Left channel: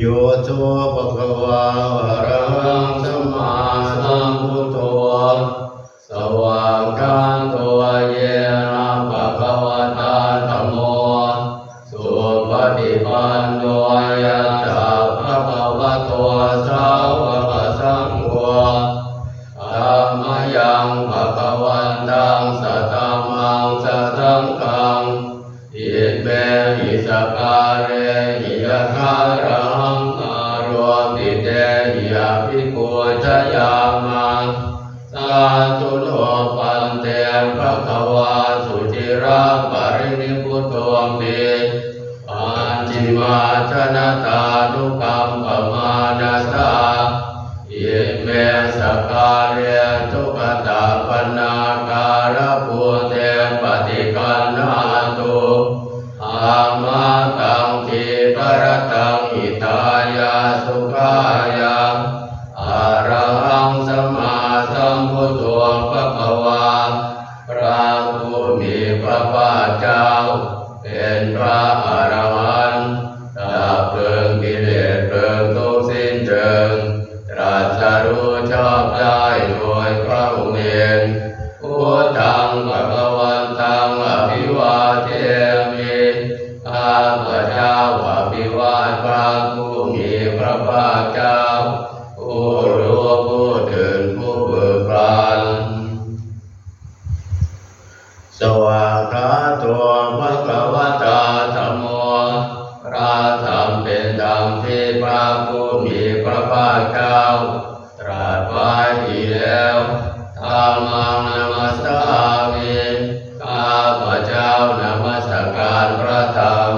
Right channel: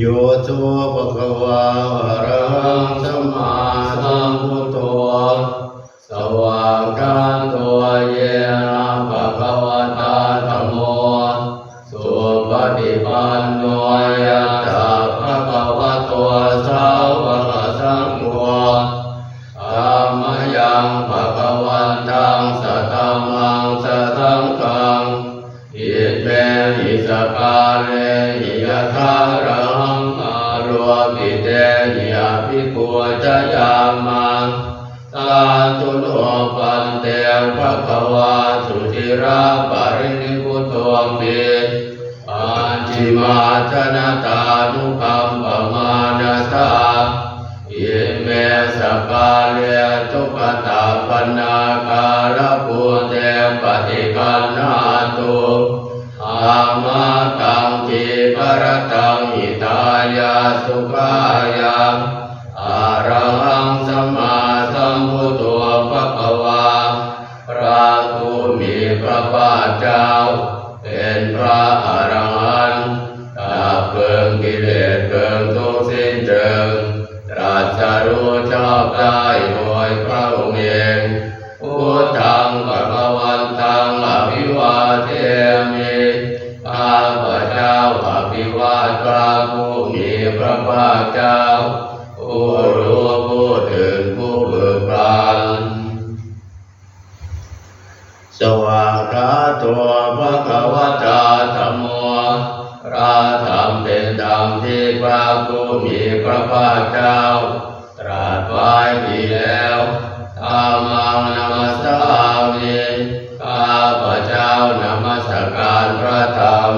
โยโสภะคะวะอะระหังสัมมาสัมพุทโธสวากขาโตเยนะภะคะวะตาธัมโมสุปฏิปันโนยัตถะภะคะวะโตสาวกสังโฆธัมมยังภะคะวันตังสัทธัมมังสัทธังฆังอิเมหิสกาเลหิยะคารังอารวปิเตหิยะภิกขุจยามังสาธุโนปันเตภะคะวะสุจิราปรินิพพุตโตมิปัญจิมาชนะตานุคัมปมานะสาอิเมสกาเลทุกขตาปนาการะภูเตปฏิคันนาตุอามาตังทีกรตังหิตายาสุขายาอะระหังสัมมาสัมพุทโธภะคะวะพระผู้มีพระภาคเจ้าเป็นพระอรหันต์ดับเพลิงกิเลสเพลิงทุกข์สิ้นเชิงตรัสรู้ชอบได้โดยพระองค์เองพุทธังภคะวันตังอภิวาเทมิข้าพเจ้าอภิวาทพระผู้มีพระภาคเจ้าผู้รู้ผู้ตื่นผู้เบิกบานสวากขาโตภะคะวะตาธัมโมพระธรรมเป็นธรรมที่พระผู้มีพระภาคเจ้าตรัสไว้ดีแล้วธัมมังนัมสสามิข้าพเจ้านมัสการพระธรรม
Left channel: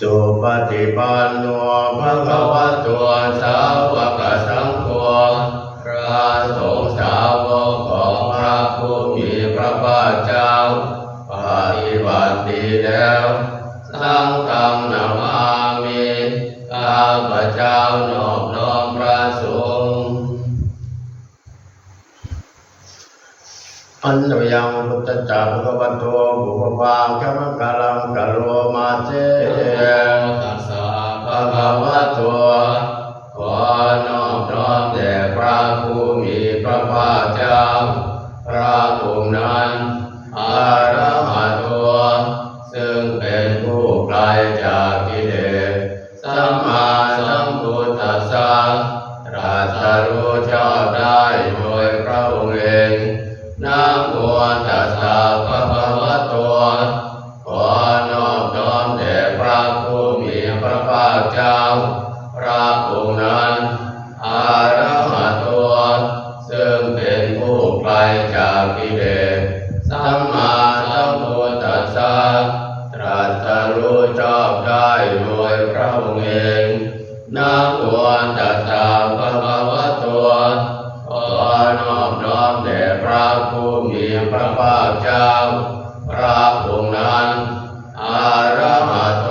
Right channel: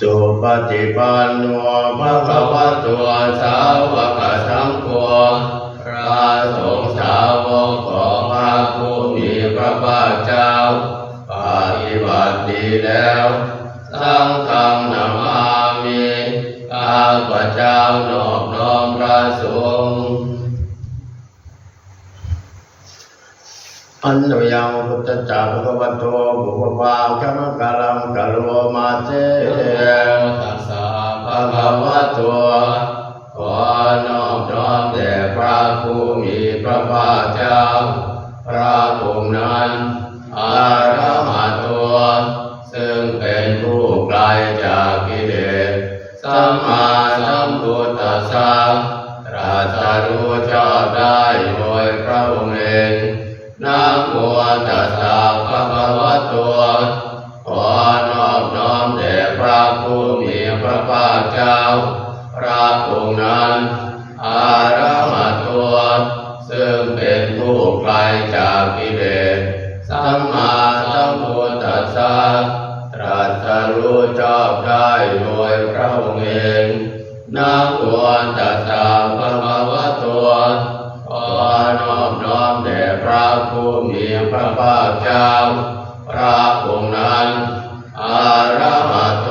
สุปฏิปันโนภะคะวะโตสาวกสังโฆพระสงฆ์สาวกของพระผู้มีพระภาคเจ้าปฏิบัติดีแล้วสังฆังนามามิข้าพเจ้านอบน้อมพระสงฆ์อันนยังพุทธเจ้าภะคะวะโตบุพพังคัมมังกาลังกะโลมาเตตัสสะภะคะวะโตขอนอบน้อมแด่พระผู้มีพระภาคเจ้าพระองค์นั้นอะระหะโตซึ่งเป็นผู้ไกลจากกิเลสสัมมาสัมพุทธัสสะตรัสรู้ชอบได้โดยพระองค์เองนะโมตัสสะภะคะวะโตขอนอบน้อมแด่พระผู้มีพระภาคเจ้าพระองค์นั้นอะระหะโตซึ่งเป็นผู้ไกลจากกิเลสสัมมาสัมพุทธัสสะตรัสรู้ชอบได้โดยพระองค์เองนะโมตัสสะภะคะวะโตขอนอบน้อมแด่พระผู้มีพระภาคเจ้าพระองค์นั้นอะระหะโต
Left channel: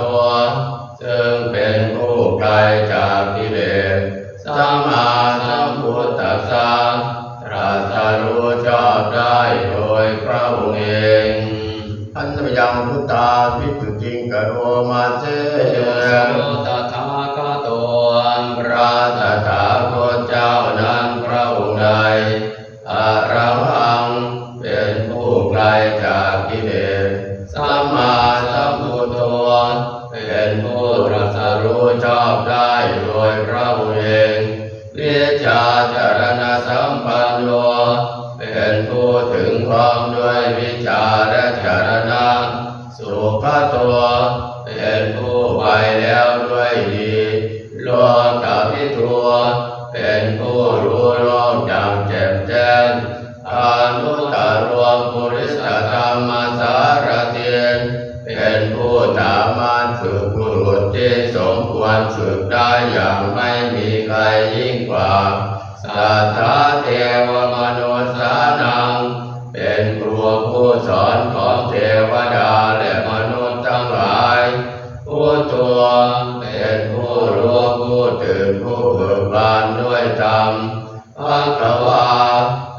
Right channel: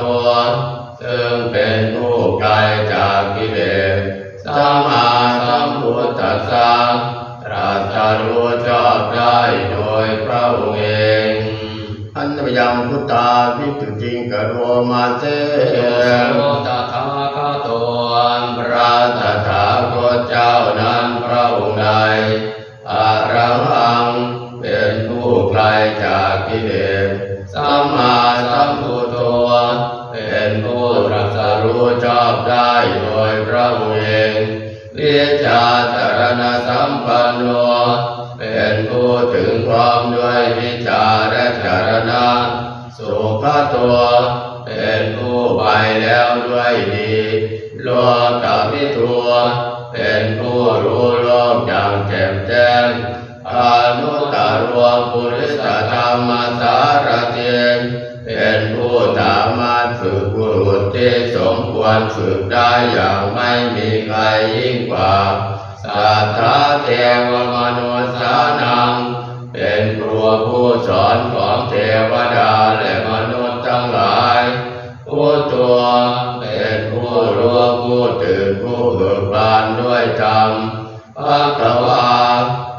ซึ่งเป็นผู้ไกลจากกิเลสสัมมาสัมพุทธัสสะตรัสรู้ชอบได้โดยพระองค์เองอันนยังพุทธาภิกขุจิงกโรมาเตโสตถาคโตพระตถาคตเจ้านั้นพระองค์ใดอะระหังเป็นผู้ไกลจากกิเลสสัมมาสัมพุทโธเป็นผู้ตรัสรู้ชอบได้โดยพระองค์เองวิชาจารณสัมปันโนเป็นผู้ถึงพร้อมด้วยวิชาและจารณะสุขตัวเป็นผู้ไปแล้วด้วยดีโลกวิทูเป็นผู้รู้โลกอย่างแจ่มแจ้งอนุตตรปุริสธรรมสารถิเป็นผู้สามารถฝึกบุรุษที่สมควรฝึกได้อย่างไม่มีใครยิ่งกว่าสัทธาเทวมนุษย์สานังเป็นครูผู้สอนของเทวดาและมนุษย์ทั้งหลายผู้ตัวเป็นผู้รู้ผู้ตื่นผู้เบิกบานด้วยธรรมภควา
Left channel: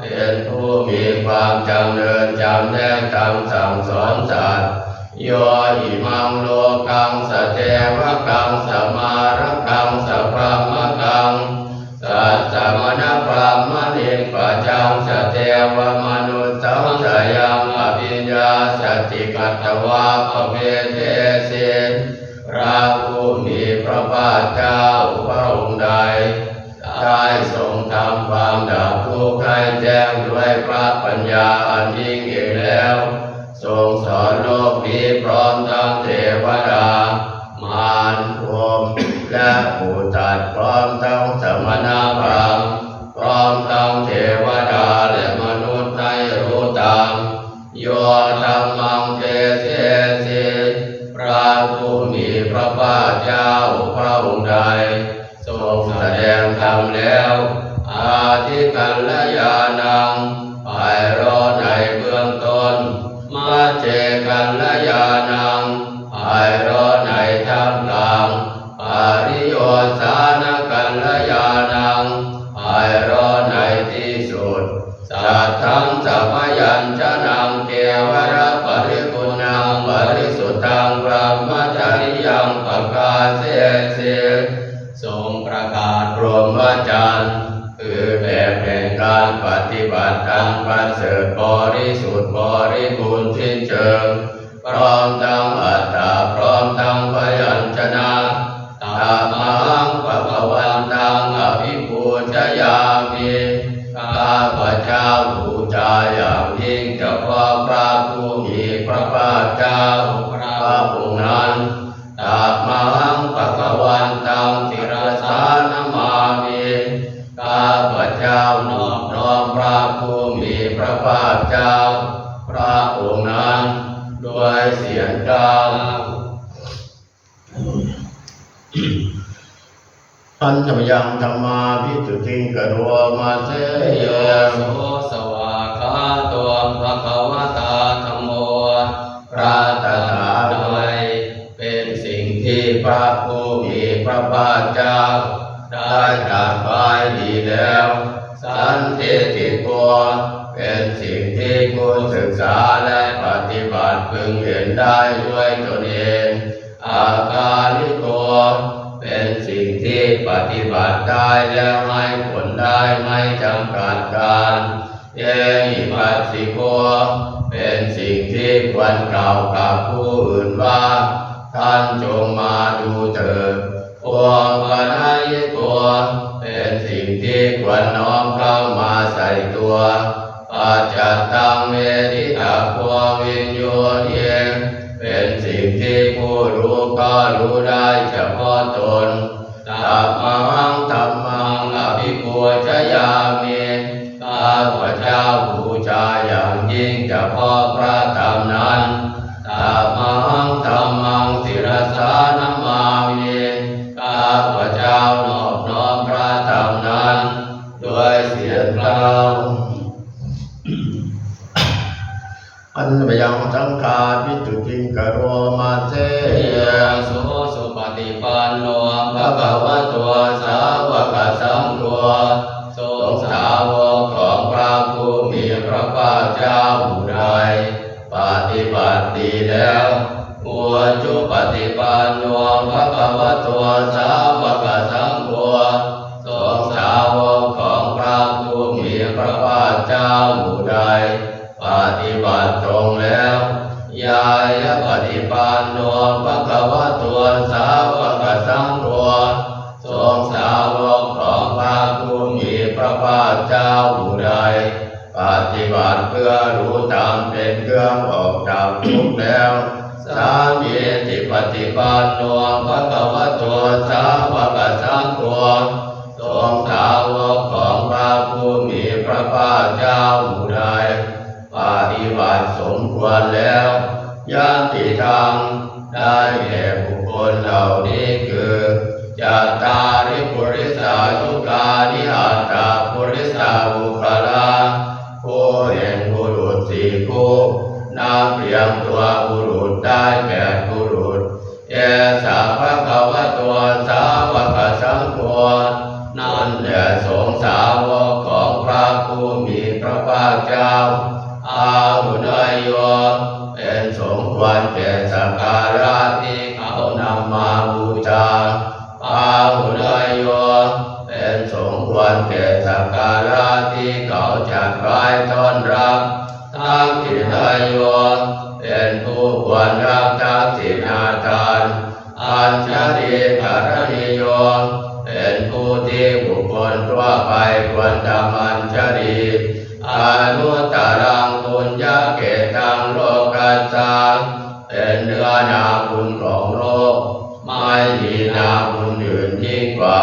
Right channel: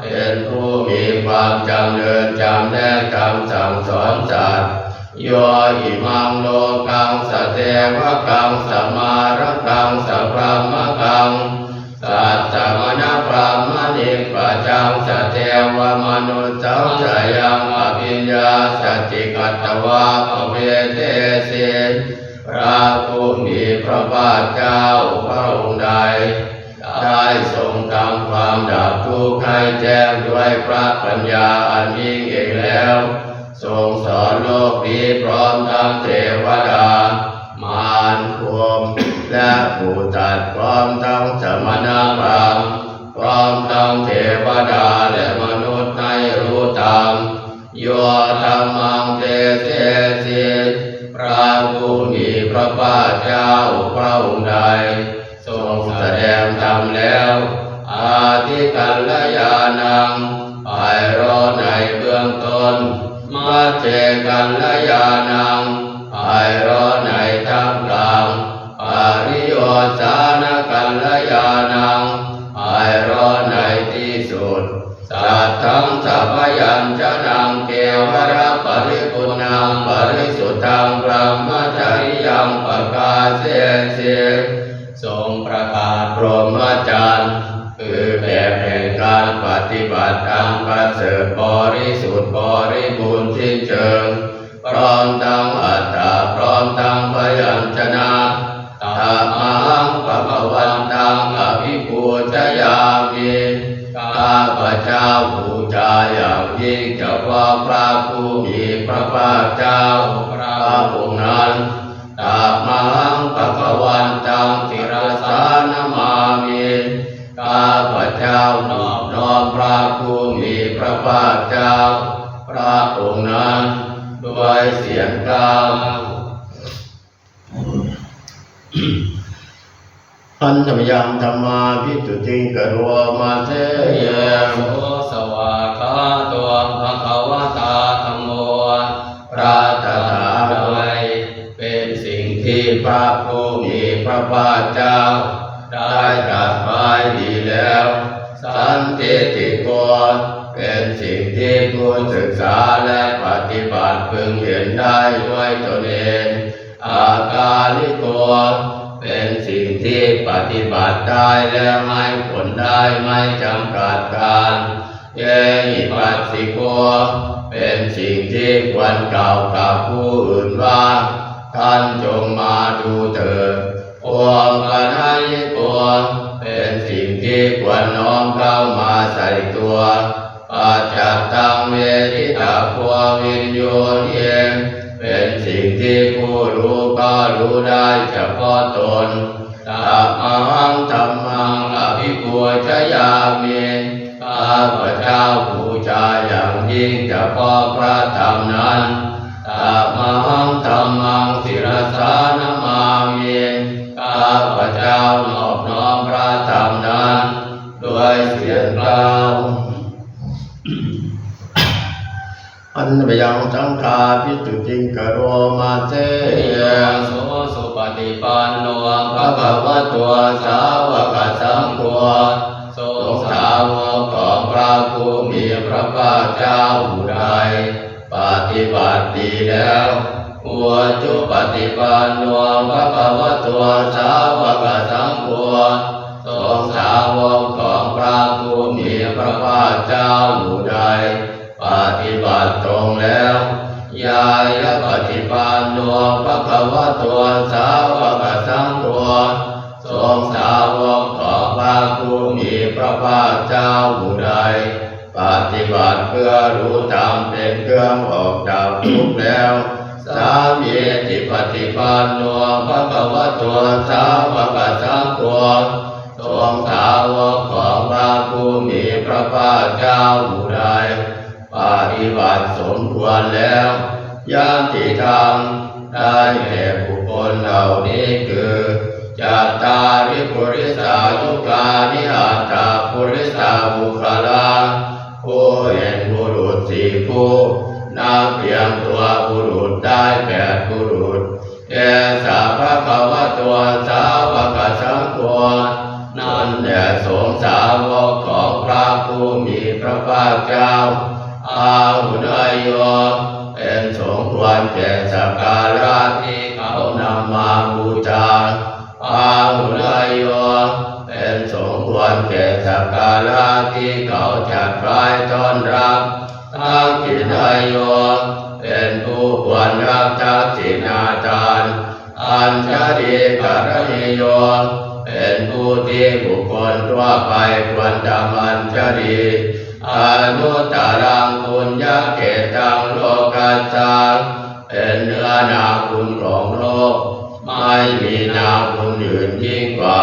เป็นผู้มีความจำเริญจำแนกธรรมสั่งสอนสัตว์ โยอิมังโลกังสเทวกังสมารักังสพรหมกังสัตตมณพรหมณิปัจจังสเทวมนุสสังสยังอภิญญาสติกัตถวาปเวเทสิพระผู้มีพระภาคเจ้าพระองค์ใดได้ทรงทำความดับทุกข์ให้แจ้งด้วยพระปัญญาอันยิ่งเองแล้วทรงสอนโลกนี้พร้อมทั้งเทวดามารพรหมและผู้ตัดพร้อมทั้งสมณพราหมณ์พร้อมทั้งเทวดาและมนุษย์ให้รู้ตามโยธรรมังเทเสสิพระผู้มีพระภาคเจ้าพระองค์ใดทรงแสดงธรรมแล้วอาทิกัลยาณังไพเราะในเบื้องต้นมัจเจกัลยาณังไพเราะในท่ามกลางปริโยสานกัลยาณังไพเราะในที่สุดสัทธังสัพยัญชนะเกวระปริปุณังปริสุทธังพระมจริยังปกาเสสิทรงประกาศพรหมจรรย์คือแบบแห่งการปฏิบัติอันประเสริฐบริสุทธิ์บริบูรณ์สิ้นเชิงพร้อมทั้งอัตตาพร้อมทั้งพยัญชนะธัมมังภะวันตังอภิปูชยามิข้าพเจ้าบูชาอย่างยิ่งเฉพาะพระผู้มีพระภาคเจ้าพระองค์นั้นธัมมังภะวันตังศิรสานมามิข้าพเจ้านอบน้อมพระผู้มีพระภาคเจ้าพระองค์นั้นด้วยเสียงกลางอันธรรมยังธรรมาภิตุติงกโรมาเสยโสสวากขาตัวภควตาธัมโมพระตถาคตเป็นสิ่งที่พระผู้มีพระภาคเจ้าได้ตรัสไว้ดีแล้วสันทิฏฐิโกเป็นสิ่งที่ผู้ศึกษาและปฏิบัติพึงเห็นได้ด้วยตนเองอากาลิโกเป็นสิ่งที่ปฏิบัติได้แล้วให้ผลได้ไม่จำกัดการเยหิปัสสิโกเป็นสิ่งที่ควรกล่าวกับผู้อื่นว่าท่านจงมาดูเถิดโอปนัยโกเป็นสิ่งที่ควรน้อมเข้ามาใส่ตัวปัจจัตตังเวทิตาโพวิญโยเยเป็นสิ่งที่ผู้รู้ก็รู้ได้เฉพาะตนธัมมังธัมมังอภิปูชยามิข้าพเจ้าบูชาอย่างยิ่งเฉพาะพระธรรมนั้นธัมมังธัมมังศิรสานมามิข้าพเจ้านอบน้อมพระธรรมนั้นด้วยเสียงกล่าวอันธรรมยังสังฆาภิตุติงกโรมาเสยโสสุปฏิปันโนภะคะวะโตสาวกสังโฆทรงสาวกของพระผู้มีพระภาคเจ้าผู้ใดปฏิบัติดีแล้วอุจุปฏิปันโนภะคะวะโตสาวกสังโฆทรงสาวกของพระผู้มีพระภาคเจ้าผู้ใดปฏิบัติตรงแล้วยายปฏิปันโนภะคะวะโตสาวกสังโฆทรงสาวกของพระผู้มีพระภาคเจ้าผู้ใดปฏิบัติเพื่อรู้ธรรมเป็นเครื่องออกจากทุกข์แล้วสามีติปฏิปันโนภะคะวะโตสาวกสังโฆทรงสาวกของพระผู้มีพระภาคเจ้าผู้ใดปฏิบัติสมควรแล้วญาติธรรมได้แก่บุคคลเหล่านี้คือจัตตาริปุริสายุกานิอัตตาปุริสาบุคลาผู้เห็นบุรุษสี่ผู้นับเพียงตัวบุรุษได้8บุรุษเอสาภะคะวะโตสาวกสังโฆนั่นแหละสงฆ์สาวกของพระผู้มีพระภาคเจ้าอาหุนายโยเ เป็นสมควรแก่สักการะที่เขานำมาบูชาพาหุลายโยเป็นสมควรแก่สักการะที่เขาจัดไว้ต้อนรับทั้งกิจโยเป็นผู้ควรรับทักษิณาทานอัญชลีกรณีโยเป็นผู้ที่บุคคลทั่วไปควรทำอัญชลีอนุตตรังปุญญเกตังโลกัสสะเป็นเนื้อนาบุญของโลกไม่มีนาบุญอื่นยิ่งกว่า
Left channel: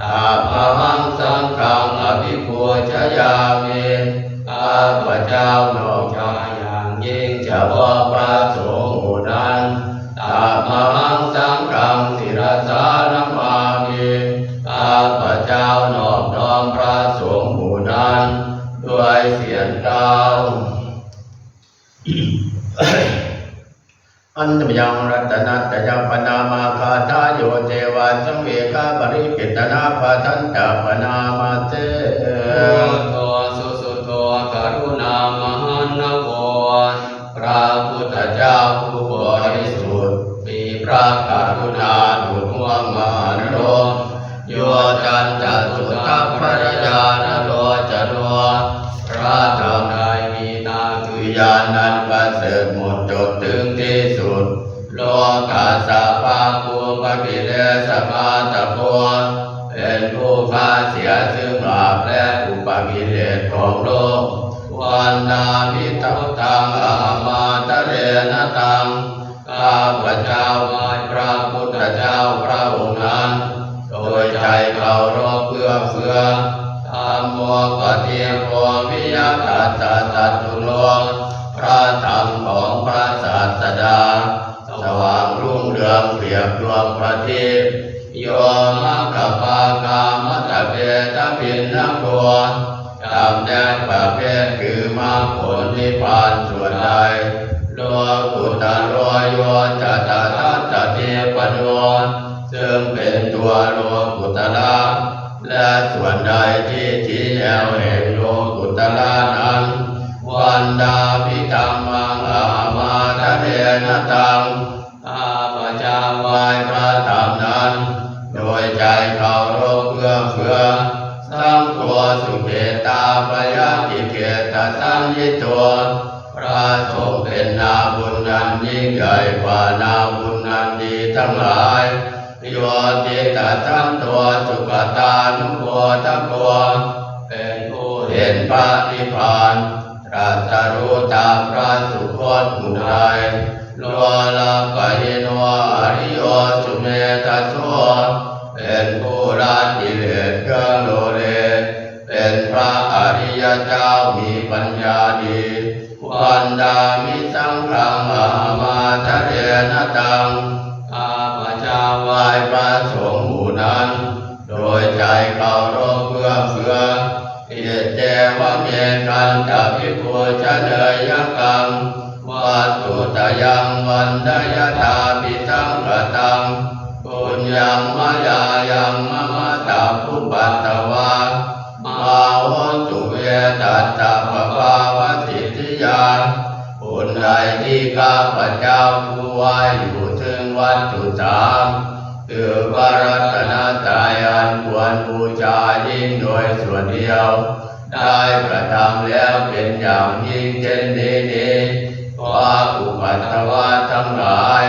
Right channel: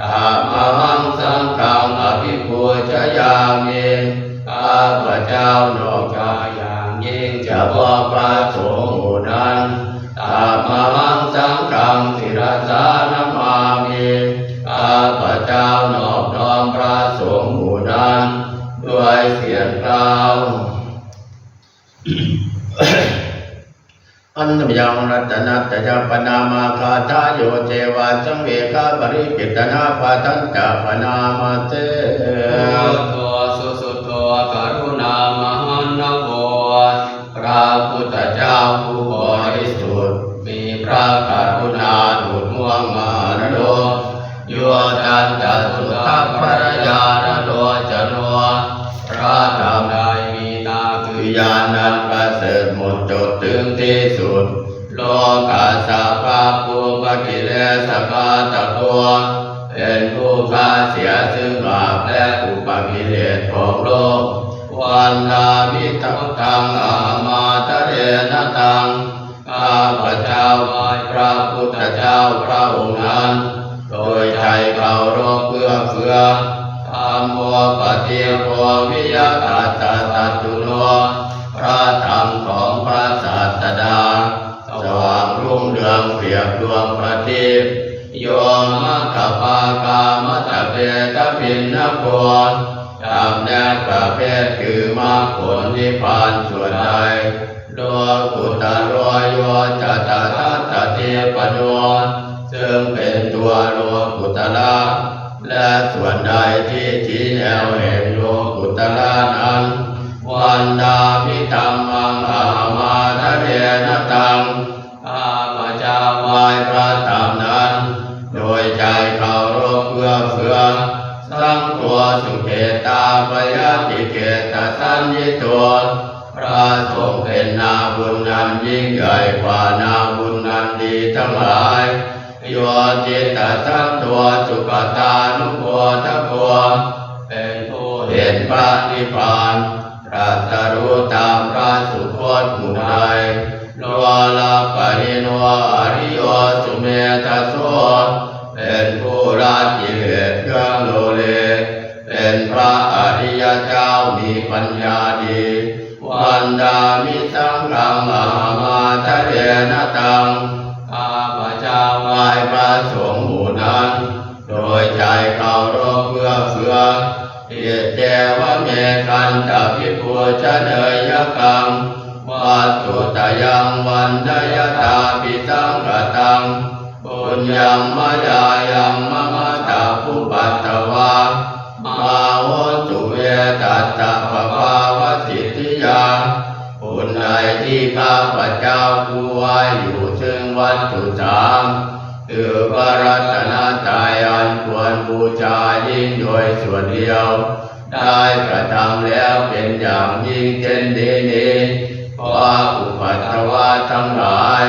ตาภวังสังฆังอภิปูชยามิข้าพเจ้านอกจากอย่างยิ่งเฉพาะพระสงฆ์หมู่นั้นตาภวังสังฆังศิรสานมามิข้าพเจ้านอบน้อมพระสงฆ์หมู่นั้นด้วยเสียงกล่าวอันตมยังรัตนัตยปนามาคาทาโยเจวะสังเวคาปริกิตนาปะทันตปนามาเตโตสุสุโตกรุณามหันนโกพระพุทธเจ้าผู้บริสุทธิ์มีพระกรุณาดุจดวงมหันโลโยจันตสุตตปรญาณโลจโนพระธรรมใดมีนาคือญาณนันประเสริฐหมดจดถึงที่สุดโลกาสาภาภูปกิเลสภาตะโพเป็นผู้ฆ่าเสียซึ่งบาปและอุปกิเลสของโลกวันนามิทังทังอามาตะเรนตังข้าพเจ้าไหว้พระพุทธเจ้าพระองค์นั้นโดยใจเคารพเพื่อเฟื่อธัมโมปฏิโภวิยตัสสะตัตตุโนพระธรรมของพระศาสดาสว่างรุ่งเรืองเปรียบดวงประทีปโยมัคคปากามัตตเปตปินนโกจำแนกประเภทคือมรรคผลนิพพานส่วนใดโลกุตโรโยจัตตาทัตติปโนซึ่งเป็นตัวโลกุตระและส่วนใดที่ชี้แนวแห่งโลกุตระนั้นวันดาพิธรรมังอามาทะเรนตังข้าพเจ้าไหว้พระธรรมนั้นโดยใจเคารพเพื่อเฟื่อสังตัวสุเกตาปยาติเกตสัญญิตัวพระสงฆ์เป็นนาบุญนั้นยิ่งใหญ่กว่านาบุญนั้นดีทั้งหลายโยจิตสันตัวสุขตานุโภทโกเป็นผู้เห็นพระนิพพานตรัสรู้ตามพระสุคตหมู่ใดโลลาปริโนอริโยสุเมธโสเป็นผู้ละกิเลสเครื่องโลเลเป็นพระอริยเจ้ามีปัญญาดีวันดามิสังฆังอามาทะเรนตังข้าพเจ้าไหว้พระสงฆ์หมู่นั้นโดยใจเคารพเพื่อเฟื่อเหตุเจวะเมกันตภิปูชเนยกังวัตถุตยังวันดยตาปิสังกตังปุญญังมายายังมะมะตาภุปัตตวามาโหตุเวตัสสะภะภาวะสิทธิยาบุญใดที่ข้าพเจ้าผู้ไหว้อยู่ซึ่งวัตถุสามคือพระรัตนตรัยอันควรบูชายิ่งโดยส่วนเดียวได้กระทำแล้วเป็นอย่างยิ่งเช่นนี้ขออุปัตตวะทั้งหลาย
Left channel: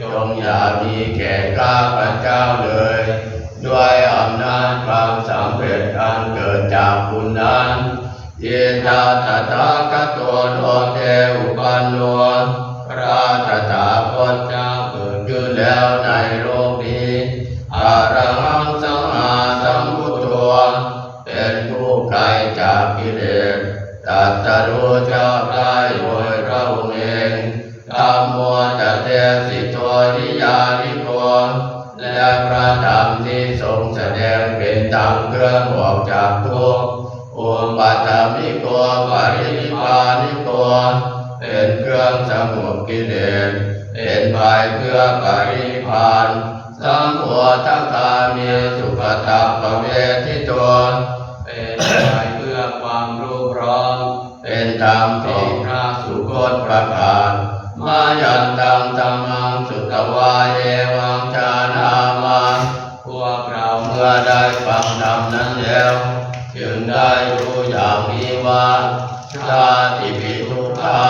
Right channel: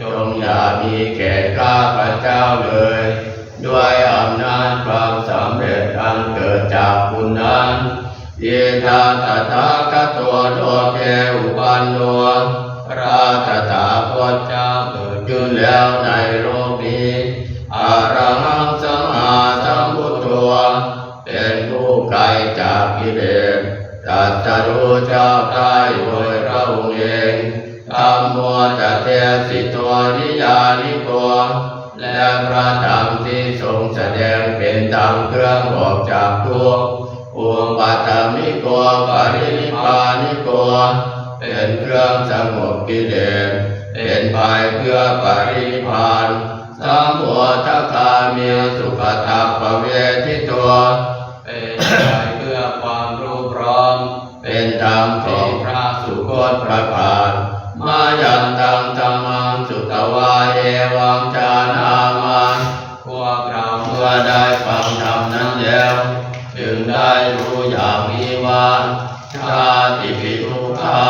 จงอย่ามีแก่ข้าพเจ้าเลยด้วยอำนาจความสำเร็จอันเกิดจากบุญนั้นเยธาตถาคตโลเกอุปันโนพระตถาคตเจ้าเกิดขึ้นแล้วในโลกนี้อรหังสัมมาสัมพุทโธเป็นผู้ไกลจากกิเลสตรัสรู้ชอบได้โดยพระองค์เองธัมโมตัเตสิโตริยานิโกและพระธรรมที่ทรงแสดงเป็นธรรมเครื่องออกจากทุกข์อุปัฏฐามิโกปรินิพพานิโกเป็นเครื่องสงบกิเลสเป็นไปเพื่อปรินิพพานสัมโพธิคามีสุขตัปเวทิโตเป็นไปเพื่อความรู้พร้อมเป็นธรรมของพระสุคตประการ แล้วจึงได้รู้อย่างนี้ว่าชาติปิทุกขา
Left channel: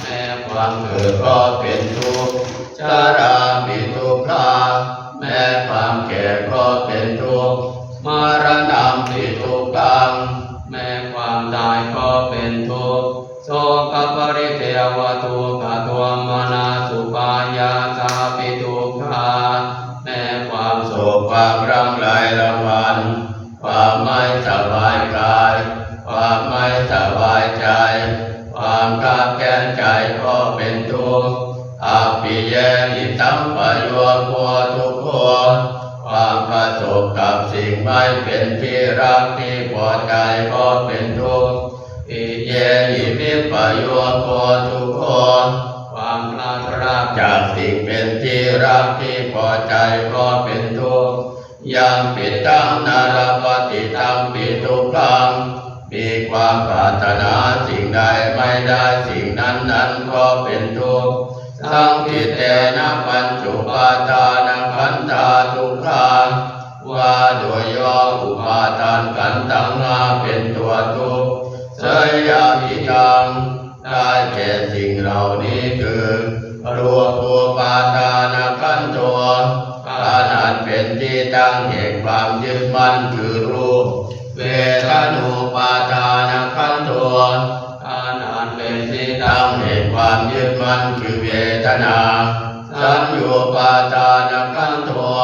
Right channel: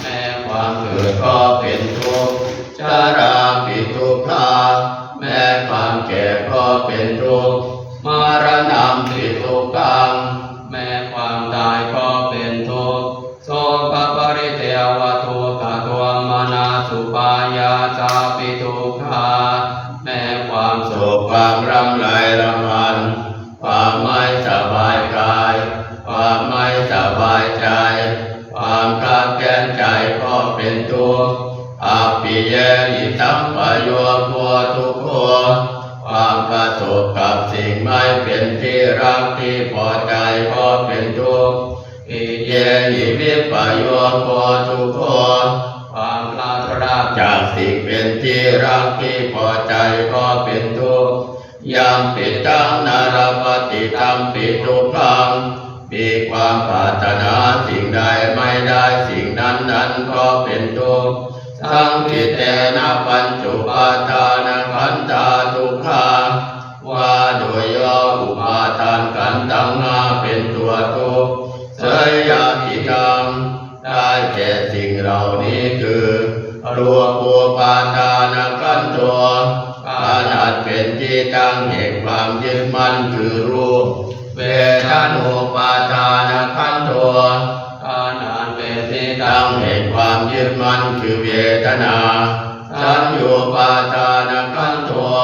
แม้ความเกิดก็เป็นทุกข์ชราปิทุกขาแม้ความแก่ก็เป็นทุกข์มรณะปิทุกขังแม้ความตายก็เป็นทุกข์โสภปริเทวทุกขโทมนัสสุปายาสาปิทุกขาแม้ความโศกความรำไรรำพันความไม่สบายกายความไม่สบายใจความขัดแย้งใจก็เป็นทุกข์อภิเยหิตัมปโยโคทุกโขความประสบกับสิ่งไม่เป็นที่รักที่พอใจก็เป็นทุกข์อิเยหิวิปโยโคทุกโขความพลาดพลาดจากสิ่งเป็นที่รักที่พอใจก็เป็นทุกข์ยังปิดตังนารปฏิตัมปิทุกขังมีความปรารถนาสิ่งใดไม่ได้สิ่งนั้นก็เป็นทุกข์สังคิเตนะปัญจุปาทานขันธาทุกขาว่าโดยย่ออุปาทานขันธ์ทั้งห้าเป็นตัวทุกข์เสยยามิตังได้แก่สิ่งเหล่านี้คือรูปูปาทานขันธ์ตัวขนาดเป็นที่ตั้งแห่งความยึดมั่นคือรูปเวทนูปาทานขันธ์ตัวขนาดเป็นที่ตั้งแห่งความยึดมั่นคือเวทนาสัญญูปาทานขันธ์ตัว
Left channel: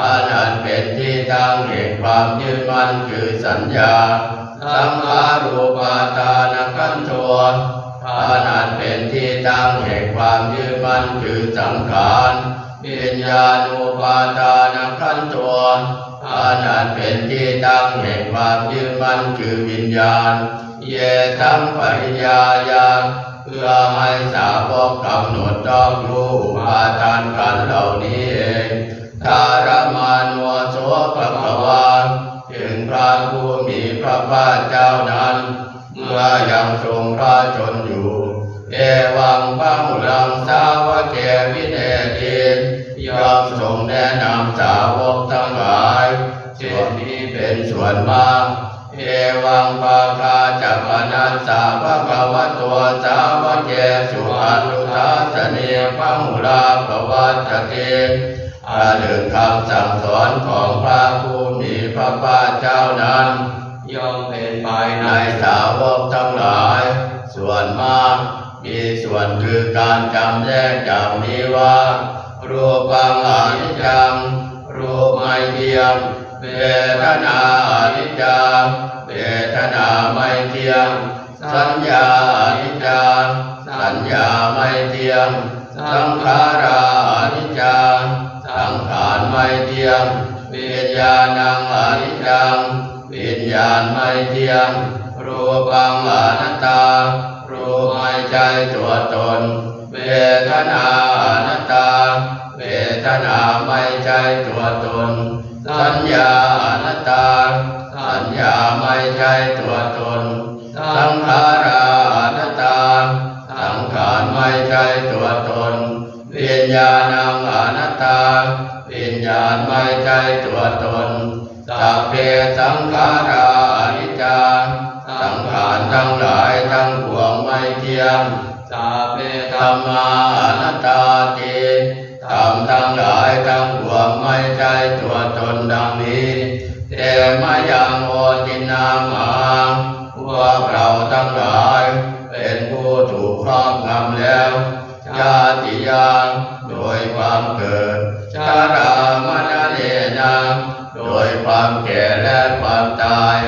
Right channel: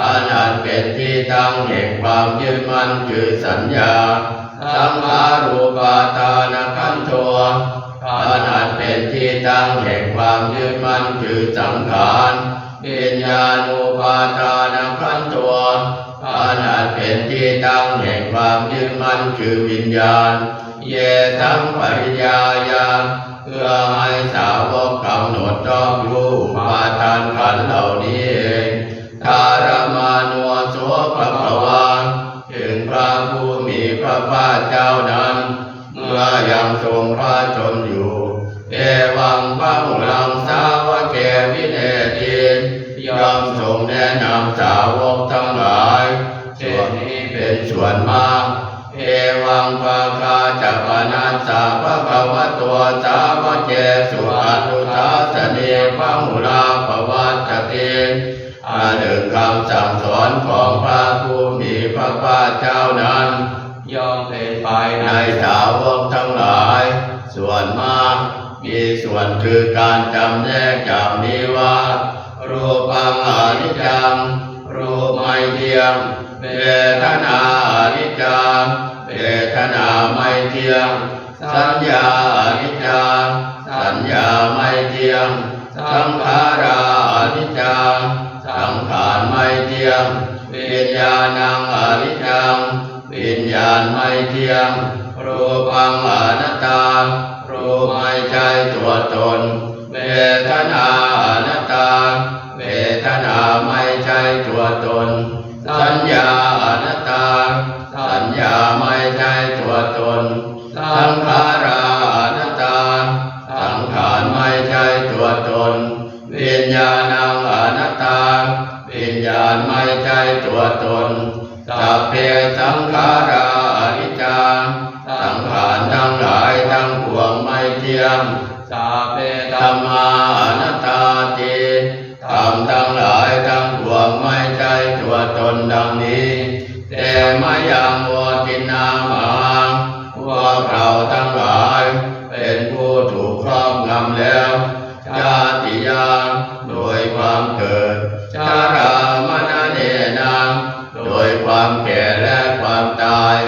ขนาดเป็นที่ตั้งแห่งความยึดมั่นคือสัญญาสังขารูปาทานขันธ์ตัวขนาดเป็นที่ตั้งแห่งความยึดมั่นคือสังขารวิญญาณูปาทานขันธ์ตัวขนาดเป็นที่ตั้งแห่งความยึดมั่นคือวิญญาณเยทังปริยายาเพื่อให้สาวกกำหนดรอบรู้อุปาทานขันธ์เหล่านี้เองธารมานุโสภควาถึงพระผู้มีพระภาคเจ้านั้นเมื่อยังทรงพระชนอยู่เอวังพระหุลังสาวกเกวิเนติยอมทรงแนะนำสาวกทั้งหลายเช่นนี้เป็นส่วนมากเอวังภาคาจัปนัสสะภะคะวะโตสาวกเกสุอนุทัสสเนภะหุลาภวัตติหนึ่งคำสั่งสอนของพระผู้มีพระภาคเจ้านั้นย่อมเป็นไปในสาวกทั้งหลายส่วนมากมีส่วนคือการจำแนกจากนี้ว่ารูปังอนิจจังรูปไม่เที่ยงเวทนาอนิจจังเวทนาไม่เที่ยงสัญญาอนิจจังสัญญาไม่เที่ยงสังขาราอนิจจังสังขารไม่เที่ยงวิญญาณังอนิจจังวิญญาณไม่เที่ยงรูปังอนัตตารูปไม่ใช่ตัวตนเวทนาอนัตตาเวทนาไม่ใช่ตัวตนสัญญาอนัตตาสัญญาไม่ใช่ตัวตนสังขาราอนัตตาสังขารไม่ใช่ตัวตนวิญญาณังอนัตตาวิญญาณไม่ใช่ตัวตนสัพเพสังขาราอนิจจังสังขารทั้งหลายทั้งปวงไม่เที่ยงสัพเพธัมมาอนัตตาติธรรมทั้งหลายทั้งปวงไม่ใช่ตัวตนดังนี้เตมะยังโอตินามังพวกเราทั้งหลายเป็นผู้ถูกครอบงำแล้วชาติยังโดยความเกิดชรามรณะเนนะโดยความแก่และความตาย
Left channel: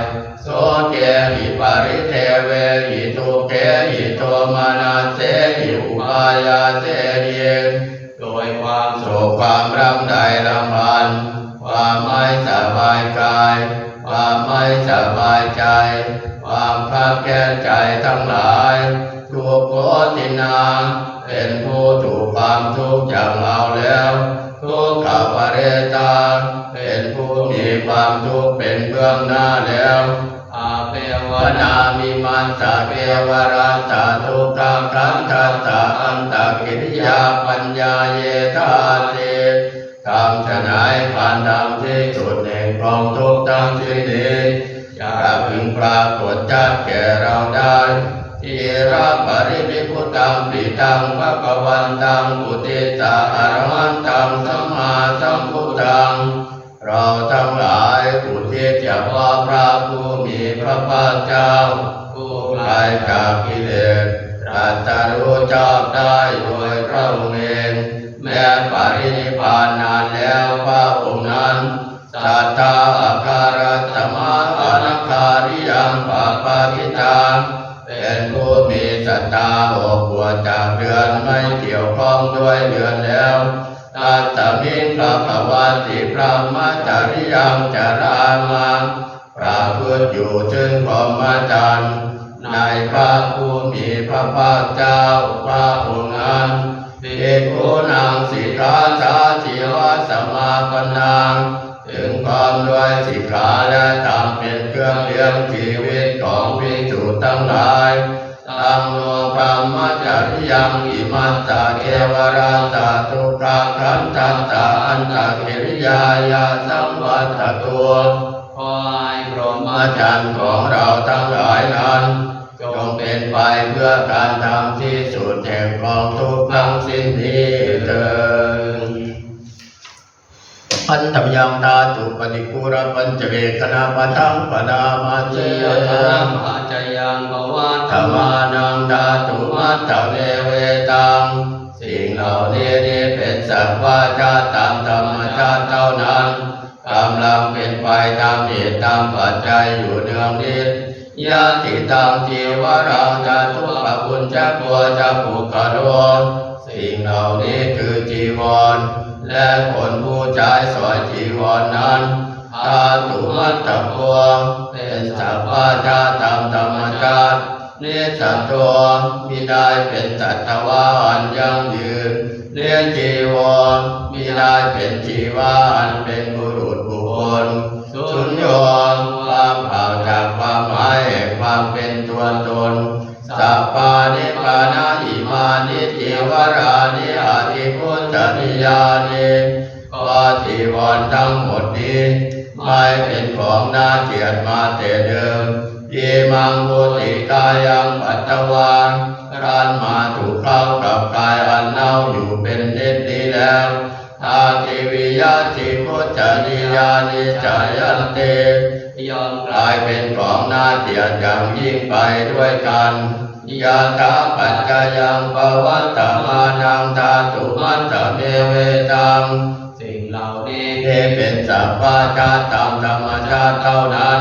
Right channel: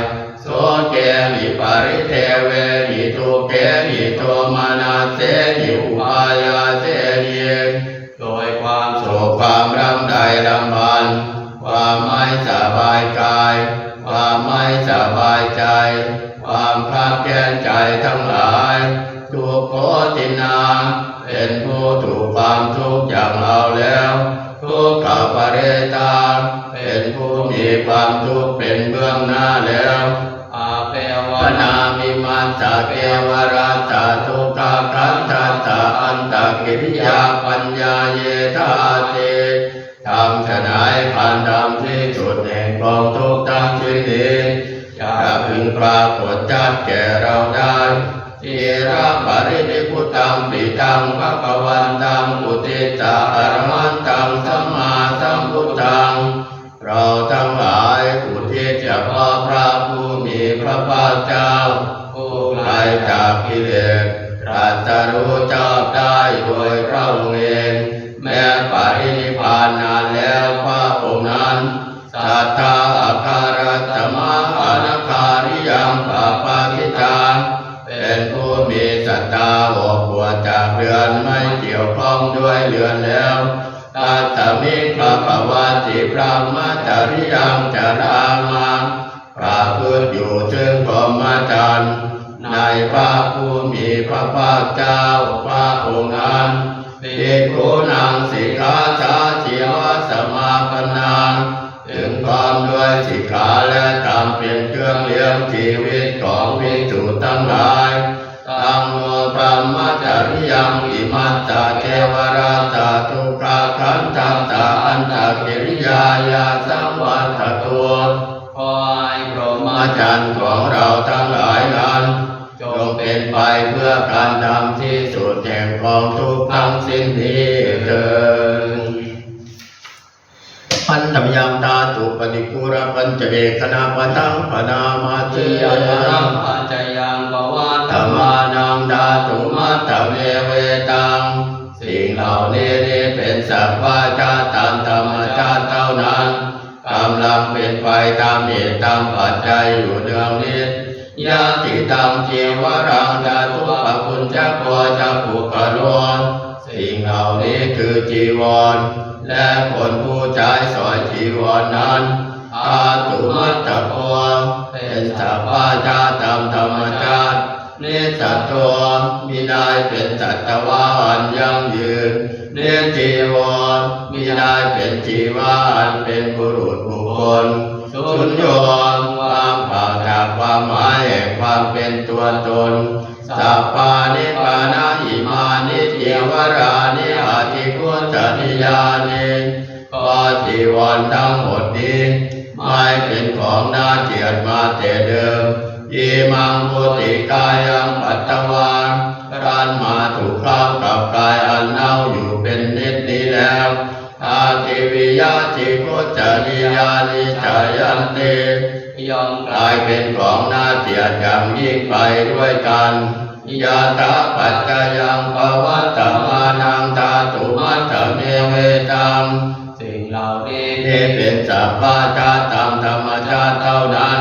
โสเกหิปริเทเวหิทุเกหิโทมานาเสหิอุปายาเสหิโดยความโศกความรำไรรำพันความไม่สบายกายความไม่สบายใจความขัดแย้งใจทั้งหลายทุกโขตินาเป็นผู้ถูกความทุกข์อย่างเราแล้วทุกขปเรตาเป็นผู้มีความทุกข์เป็นเบื้องหน้าแล้วอาเปวนามิมันตะเปวราตาทุกขขันธัสสะอันตกิริยาปัญญาเยธาติทำฉนัยพันธรรมที่สุดแห่ง กองทุกข์ทั้งสิ้นนี้อย่าพึงปรากฏชัดแก่เราได้ทีระปรินิพพุตังปิตังภะวันตังปุติตาอรหันตังสัมมาสัมพุทธังเราทั้งหลายอุทิศเฉพาะพระผู้มีพระภาคเจ้าผู้ไกลจากกิเลสตรัสรู้ชอบได้โดยพระองค์เองแม้ปรินิพพานนานแล้วพระองค์นั้นสัทธาอาคารสมาอนาคาริยังปาปาติตาเป็นผู้มีศรัทธาอบอวดจากเรือนไม่เกี่ยวข้องด้วยเรือนแล้วตัสมิงภควาติพระมจริยังจารามาประพฤติอยู่ถึงพรหมจรรย์ในพระผู้มีพระภาคเจ้าพระองค์นั้นภิกขุนังสิกขาสาชีวสมาปนังถึงพร้อมด้วยสิกขาและธรรมเป็นเครื่องเลี้ยงชีวิตของภิกษุทั้งหลายตังโนพระมจริยังอิมัตตาเทวราตาทุกขาขันธัตตาอันตกิริยายาสังวัตตัวขอให้พรหมจรรย์ของเราทั้งหลายนั้นจงเป็นไปเพื่อการทำที่สุดแห่งกองทุกข์ทั้งสิ้นนี้เถิดปัญจมยังตาตุปนิปุระปัญจเวคณาปทังปนามาเจยรังอาจยังภวะธรรมานังดาตุมัตตเวเวตังสิ่งเหล่านี้เป็นสัพพะชาติตามธรรมชาติเท่านั้นกำลังเป็นไปตามเหตุตามปัจจัยอยู่เนืองนิดยาติตังจีวรังจาตุปปุญจโกจะปุกโลสิ่งเหล่านี้คือจีวรและคนผู้ใช้สอยจีวรนั้นตาตุมัตตะโกเป็นสัพพะชาติตามธรรมชาตินิสัตตัวมิได้เป็นสัตวะอันยั่งยืนเนียจีวรมิได้เป็นจีวรอันเป็นบุรุษบุคคลสุญโยว่างเปล่าจากความหมายแห่งความเป็นตัวตนสัพพานิปานาอิมานิจีวรานิอาทิกุจริยานิก็จีวรทั้งหมดนี้ไม่เป็นของน่าเกลียดมาแต่เดิมยีมังปุติกายังปัตตวานรันมาถูกเข้ากับกายอันเน่าอยู่เป็นนิดนี้แล้วอาทิวิยาจิกุจริยานิจายันเตย่อมกลายเป็นของน่าเกลียดอย่างยิ่งไปด้วยกันยาตาปัจจยังภวัตตมานังตาตุมัตตเมเวตังสิ่งเหล่านี้เป็นสัพพะชาติตามธรรมชาติเท่านั้น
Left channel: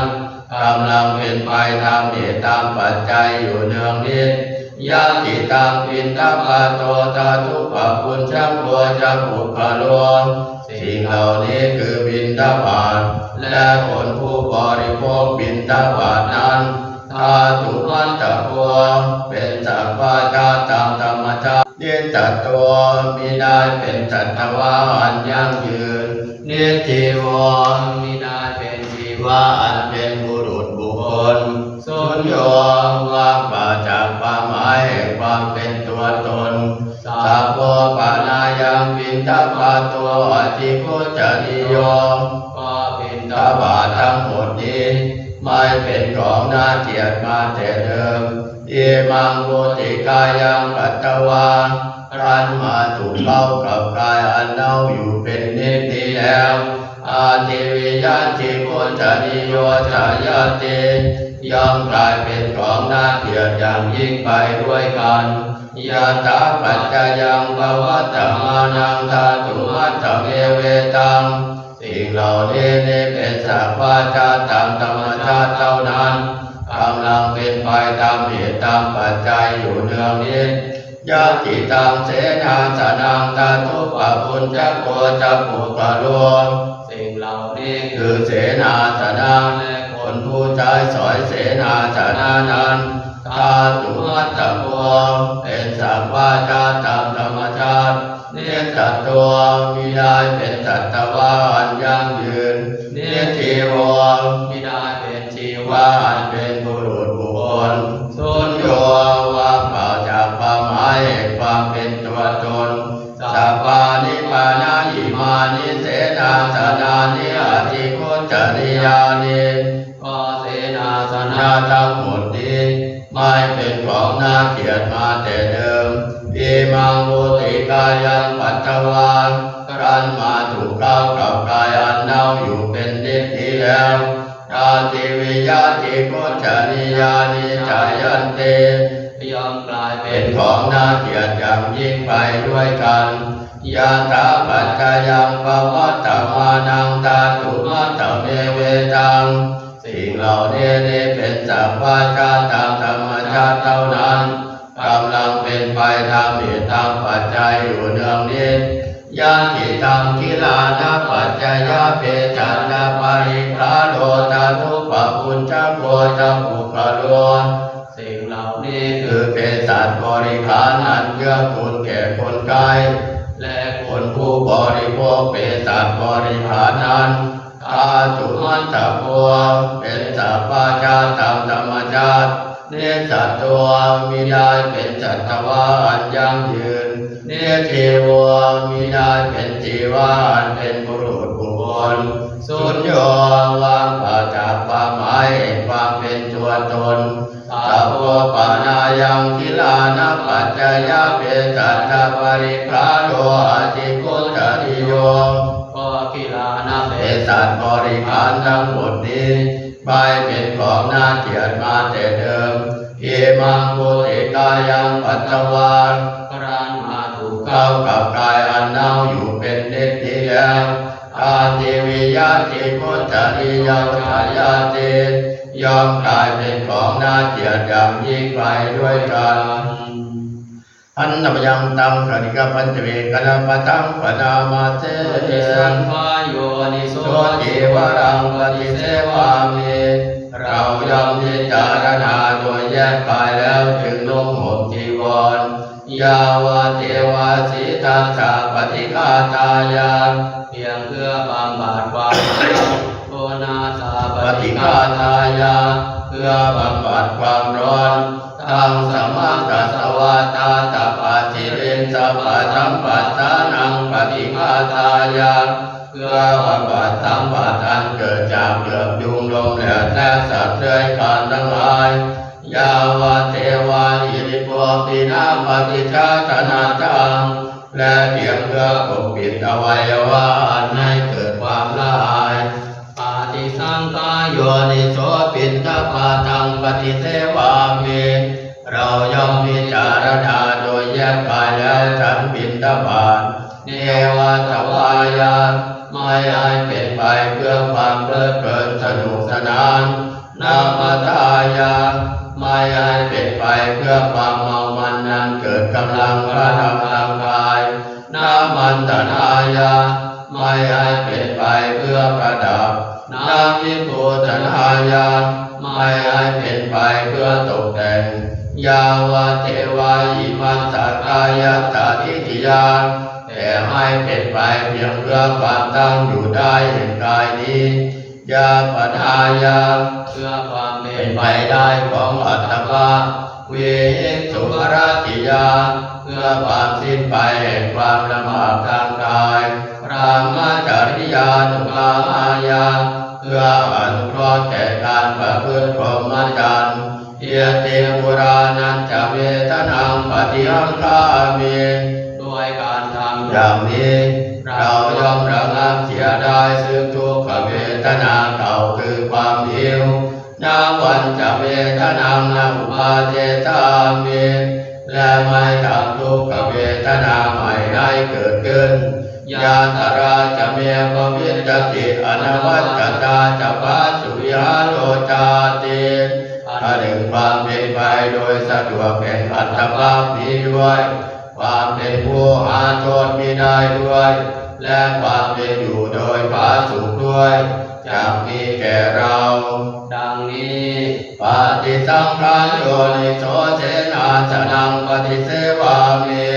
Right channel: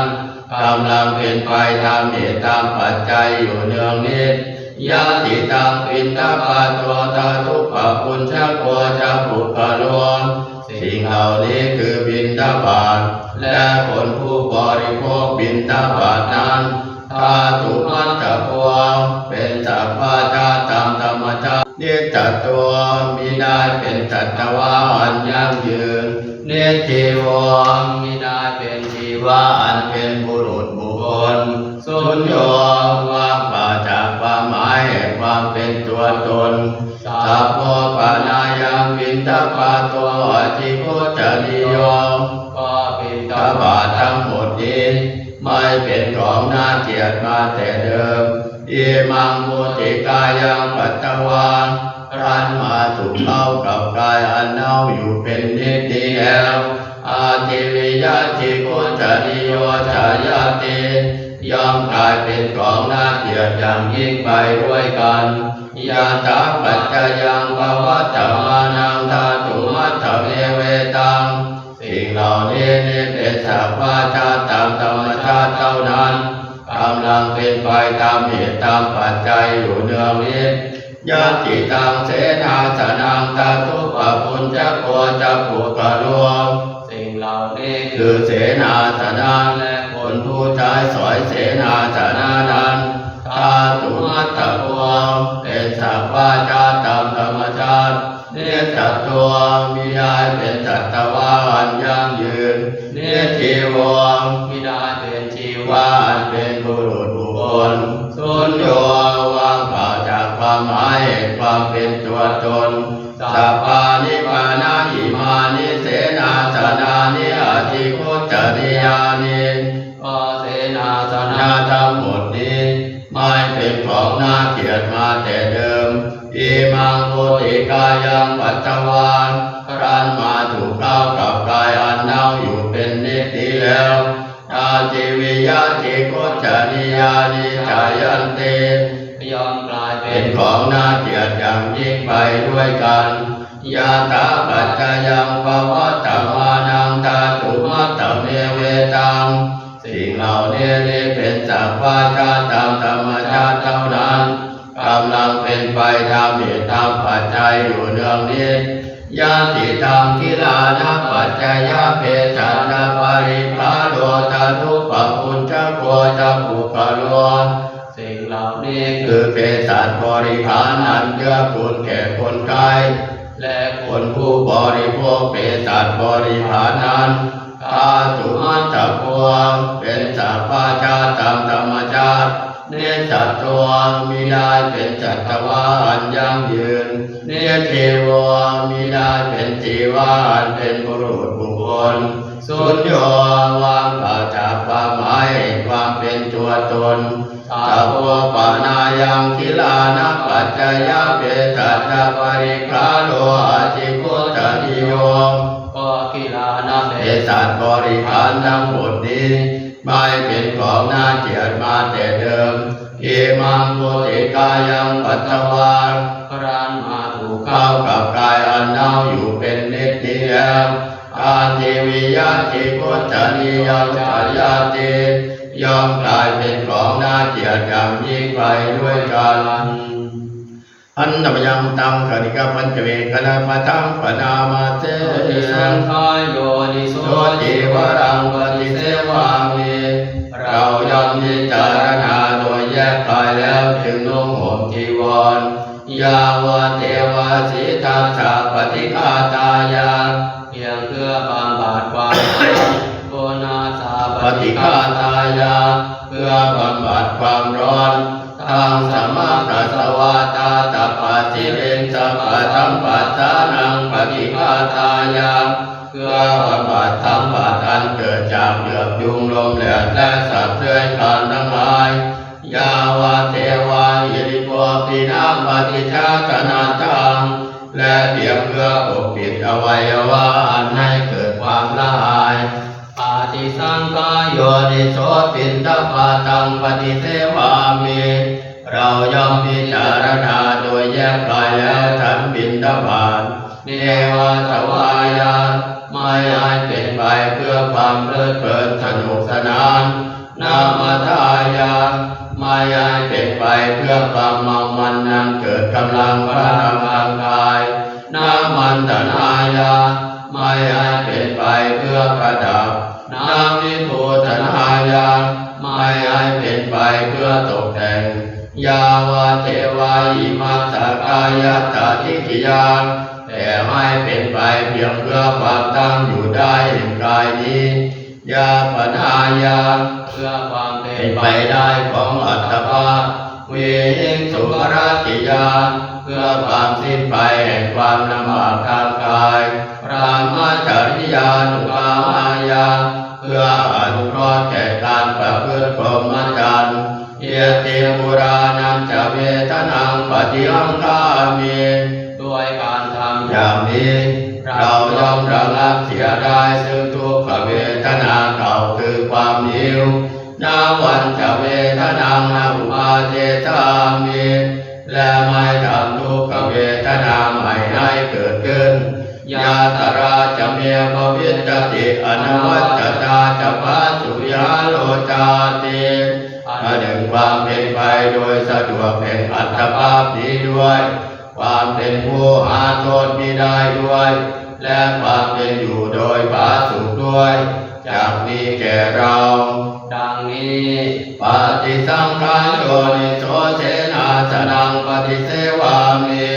กำลังเป็นไปตามเหตุตามปัจจัยอยู่เนืองนิดยาติตังปินตปะโตตาทุปะปุญชโกจะปุกะโลสิ่งเหล่านี้คือบิณฑบาตและคนผู้บริโภคบิณฑบาตนั้นธาตุมัตตะโกเป็นสัพพะชาติตามธรรมชาตินิจจตัวมิได้เป็นสัตวะอันยั่งยืนนิจจีวรมิได้เป็นจีวรอันเป็นบุรุษบุคคลสุญโยว่างเปล่าจากความหมายแห่งความเป็นตัวตนสัพโพปานายังบิณฑบาตตัวอธิคุจริโยก็บิณฑบาตทั้งหมดนี้ไม่เป็นของน่าเกลียดมาแต่เดิมอิมังมุติกายังปัตตวารันมาถูกเข้ากับกายอันเน่าอยู่เป็นนิดนี้แล้วอาทิวิยาจิกุจริโยจายาติย่อมกลายเป็นของน่าเกลียดอย่างยิ่งไปด้วยกันยาตาปัจจยังภวัตตมานังธาตุมัตตเมเวตังสิ่งเหล่านี้เป็นสัพพะชาติตามธรรมชาติเท่านั้นกำลังเป็นไปตามเหตุตามปัจจัยอยู่เนืองนิดยาติตังเสนาสนังตาตุปะปุญจโกจะปุกะโลสิ่งเหล่านี้คือเสนาสนะและคนผู้ใช้สอยเสนาสนะนั้นธาตุมัตตะโกเป็นสัพพะชาติตามธรรมชาติเนสัตตัวมิได้เป็นสัตวะอันยั่งยืนเนจีวรมิได้เป็นจีวรอันเป็นบุรุษบุคคลสุญโยว่างเปล่าจากความหมายแห่งความเป็นตัวตนสัพพานิปานาอิมานิเสนาสนานิอาทิคุจริ สนะทั้งหมดนี้ไม่เป็นของน่าเกลียดมาแต่เดิมอิมังโภติกายังปัจจวานรันมาถูกเข้ากับกายอันเน่าอยู่เป็นนิจนี้แล้วตาติวิยาติโกจาริยานิจายันเตยอมกลายเป็นของน่าเกลียดอย่างยิ่งไปด้วยกันยาตาปัจจยังปวัตตมานังตาตุมัตตเมเวตังสิ่งเหล่านี้เป็นสัพพะชาติตามธรรมชาติเท่านั้นกำลังเป็นไปตามเหตุตามปัจจัยอยู่เนืองนิดญาติธรรมกิลานะปัจจยเปจันตปาริภาโลตาทุปปุญจโกจัมปุกะโลสิ่งเหล่านี้คือเภสัชบริขารอันเกื้อกูลแก่คนไข้และคนผู้บริโภคเภสัชบริขารนั้นธาตุมัตตะพวงเป็นสัพพะชาติตามธรรมชาติเนสัตตัวมิได้เป็นสัตวะอันยั่งยืนเนเทวมิได้เป็นทีวะอันเป็นบุรุษบุคคลสุญโญวางเปล่าจากความหมายความเป็นตัวตนสัพพปานายังกิลานะปัจจยเปจัตตปาริภาโลอาจิโกตติโยก็กิลานะเปจัตบริขารทั้งหมดนี้ไม่เป็นของน่าเกลียดมาแต่เดิมอิมังโภติกายังปัจจวานพรานมาถูกเข้ากับกายอันเน่าอยู่เป็นนิจนี้แล้วอาทิวิยาติโกจาริยาจายาติยอมกลายเป็นของน่าเกลียดอย่างยิ่งไปด้วยกันอันนบยังตังคณิกปัญจเวกนาปตังปนามาเตสังขายโยนิโสจิวรังปฏิเสวามิเรายอมพิจารณาโดยแยกกายแล้วจึงนุ่งห่มจีวรยาวะเทวาสีทัสสะปฏิฆาตายาเพียงเพื่อบำบัดความโกนาสาปฏิฆาตายาเพื่อบำบัดความร้อนตังสมากัสสวาตาตปาติเรนสัพพะธัมปัสสานังปฏิฆาตายาเพื่อบำบัดทั้งบาดอันเกิดจากเหลือบยุงลมแดดและสัตว์เลื้อยคลานทั้งหลายยาวะเทวาอิริโภปินาปฏิชาตนาตังและเพียงเพื่อปกปิดอวัยวะอันให้เกิดความละอายปฏิสังขายโยนิโสปินทปาตังปฏิเสวามิเราย่อมพิจารณาโดยแยกกายแล้วฉันบิณฑบาตเนวะทวายาไม่ให้เป็นไปเพื่อความเพลิดเพลินสนุกสนานนามาทายาไม่ให้เป็นไปเพื่อความเมามันนั้นเกิดกำลังพลังทางกายนามันตนายาไม่ให้เป็นไปเพื่อประดับนาวิภูธนายาไม่ให้เป็นไปเพื่อตกแต่งยาวะเทวาอิมัสสกายตถาทิฏฐิยาแต่ให้เป็นไปเพียงเพื่อความตั้งอยู่ได้แห่งกายนี้ยาปนายาเพื่อความเป็นไปได้ของอัตภาพเวหิสุภรติยาเพื่อความสิ้นไปแห่งความลำบากทางกายพรหมจริยานุภามายาเพื่ออนุเคราะห์แก่การประพฤติพรหมจรรย์เยติปุรานันจะเวทนังปฏิหังคามิด้วยการทำอย่างนี้เราย่อมระงับเสียได้ซึ่งทุกขเวทนาเก่าคือความหิวนาวันจะเวทนานาอุปาเทตามิและไม่ทำทุกขเวทนาใหม่ให้เกิดขึ้นยาตราจะเมียภวิตติอนวัตตาจะปัสสุยาโลจาติหนึ่งความเป็นไปโดยสะดวกแห่งอัตภาพนี้ด้วยความเป็นผู้หาโทษมิได้ด้วยและความเป็นอยู่โดยผาสุกด้วยจากนี้แก่เราดังนี้ปฏิสังขารโยนิโสเสนาสนังปฏิเสวามิ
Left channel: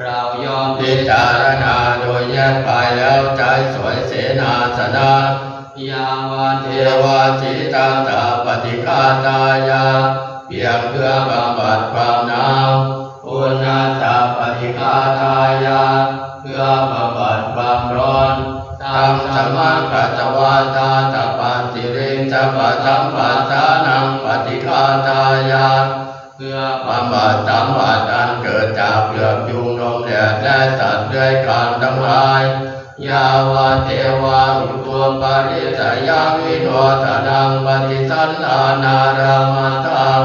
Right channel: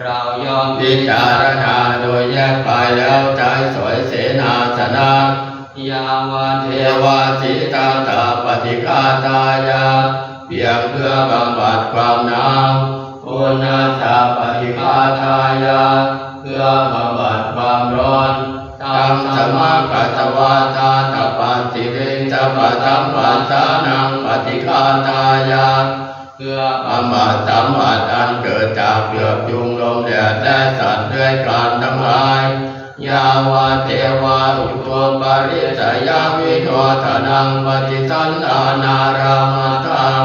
เราย่อมพิจารณาโดยแยกกายแล้วใจสวยเสนาสนะยาวะเทวาสีตาตาปฏิฆาตายาเพียงเพื่อบำบัดความหนาวปุณณาสาปฏิฆาตายาเพื่อบำบัดความร้อนตา ตังสมากัสวาตาตปาติเวจะปะธัมปัสสานังปฏิฆาตายาเพื่อความบาดสัมผัสอันเกิดจากเปลือกยุงลมแดดและสัตว์เลื้อยคลานทั้งหลายยาวะเทวาอุตัวปาริสยาวิโททนังปฏิสันทานารามัตตัง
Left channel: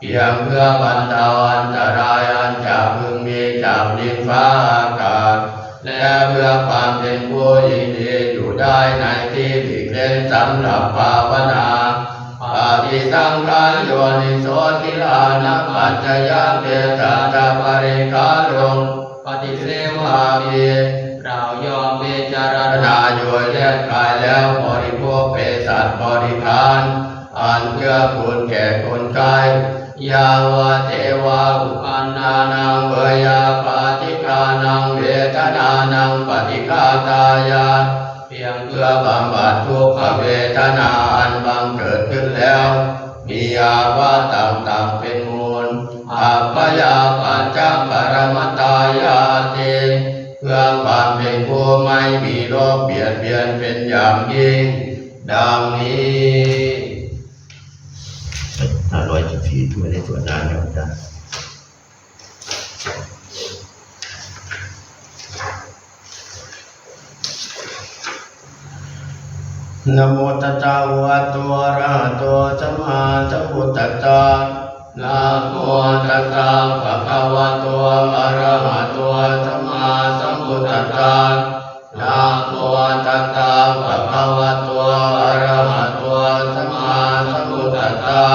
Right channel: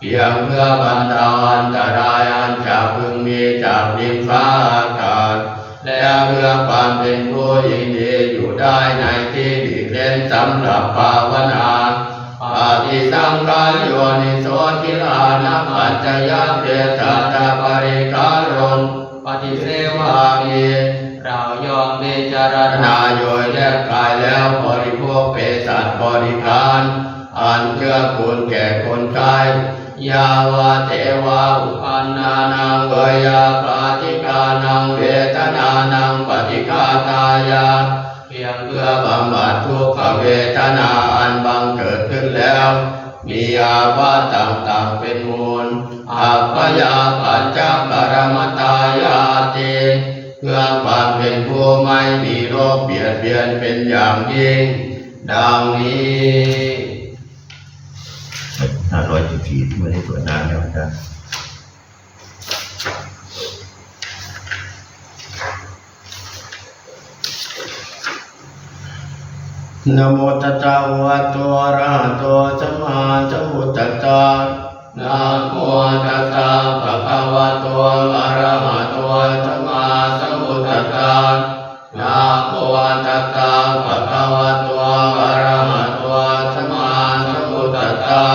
เพียงเพื่อบรรเทาอันตรายอันจะพึงมีจากดินฟ้าอากาศและเพื่อความเป็นผู้ยินดีอยู่ได้ในที่หลีกเล่นสำหรับภาวนาอาภิสังขารโยนิโสทิลานะปัจจยเตสัตตปริคารนปฏิเสวามิเรายอมพิจารณาโดยแยกกายแล้วบริโภคเภสัชบริคารอันเพื่อคุณแก่คนไข้ยาวะเทวาอุปันนานังเวยาปาติกานังเวทนานังปฏิฆาตายาเพียงเพื่อบำบัดทุกขเวทนาอันบังเกิดขึ้นแล้วมีอาวัตต่างๆเป็นมูลอัปปยาปัจจปรมตายาติเพื่อความเป็นผู้ไม่มีโรคเบียดเบียนเป็นอย่างยิ่งดังนี้514ไม่ได้สวดนานแล้วจ้ะนะโมตัสสะภะคะวะโตอะระหะโตสัมมาสัมพุทธัสสะนะโมตัสสะภะคะวะโตอะระหะโตสัมมาสัมพุทธัสสะนะโมตัสสะภะคะวะโตอะระหะโตสัมมาสัมพุทธัสสะ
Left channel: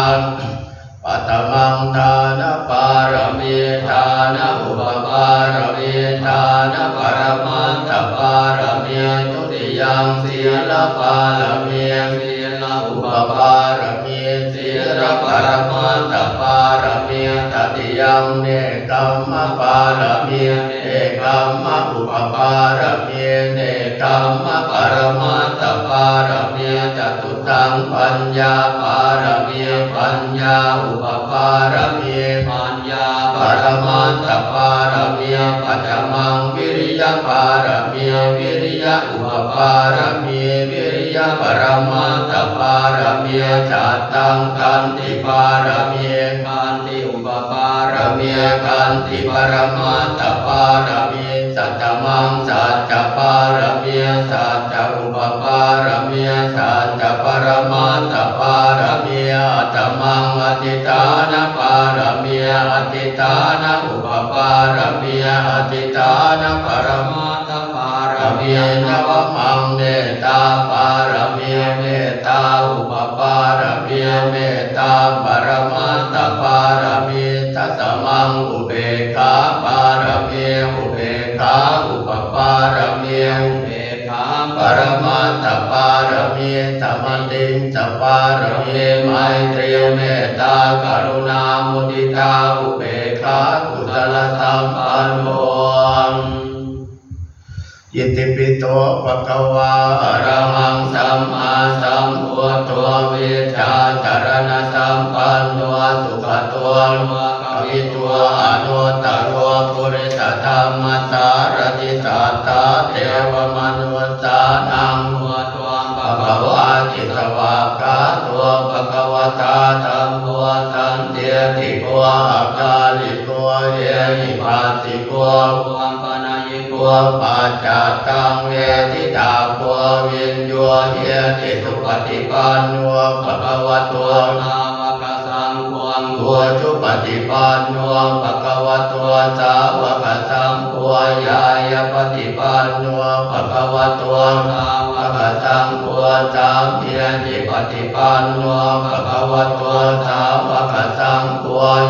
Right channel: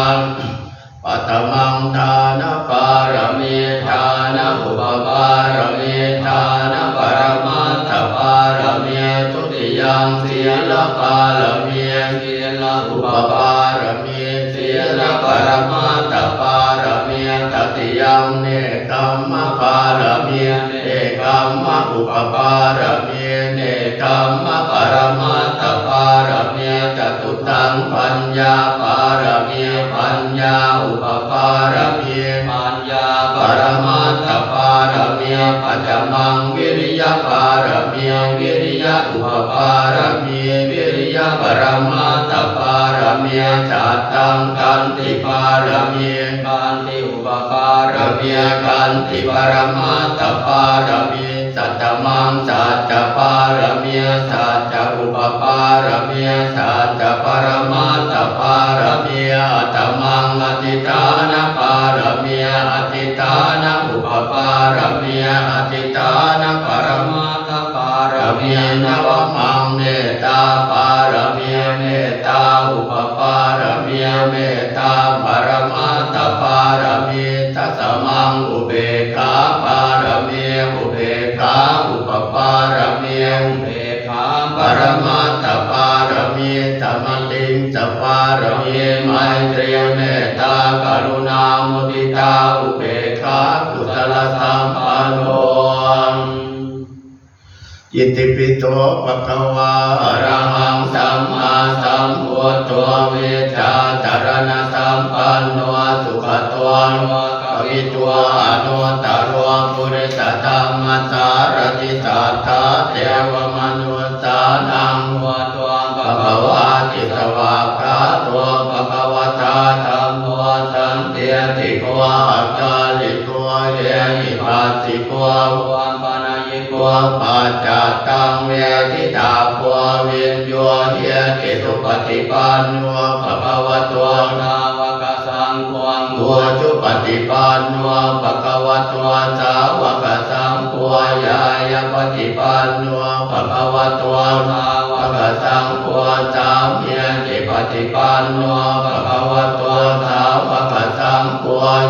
ปัตตมังทานะปารมีทานะอุปปารมีทานะปรมัตถปารมีทุติยังศีลปารมีศีลอุปปารมีศีลปรมัตถปารมีตติยังเนกขัมมะปารมีเนกขัมมะอุปปารมีเนกขัมมะปรมัตถปารมีจตุตังปัญญาปารมีปัญญาอุปปารมีปัญญาปรมัตถปารมีปัจจมังวิริยปารมีวิริยอุปปารมีวิริยปรมัตถปารมีจัตตังขันติปารมีขันติอุปปารมีขันติปรมัตถปารมีสัตตมังสัจจปารมีสัจจอุปปารมีสัจจปรมัตถปารมีอัตตมังอธิฐานปารมีอธิฐานอุปปารมีอธิฐานปรมัตถปารมีนวมังเมตตาปารมีเมตตาอุปปารมีเมตตาปรมัตถปารมีทัสสมังอุเบกขาปารมีอุเบกขาอุปปารมีอุเบกขาปรมัตถปารมีธรรมติงสปารมีไมตรีเมตตากรุณามุทิตาอุเบกขากุศลสัมปันโนอิติปิโสภะคะวะอะระหังสัมมาสัมพุทโธวิชาจารณะสัมปันโนสุขโตโลกวิทูอนุตตโรปุริสธรรมสารติสัทธาเทวมนุสสานังวัตวังภควาติสวากขาตัวภควตาธัมโมสันติติโกอัจจาริโกเยหิปัสสิโกวังปนายิโกปัจจตังเวทิตาโกวินโยเยติสุปฏิปันโนภควโตนาวกสังโฆโฆจุปฏิปันโนภควโตสาวกสังโฆยายปฏิปันโนภควโตสาวกสังโฆสามเณติปฏิปันโนภควโตสาวกสังโฆ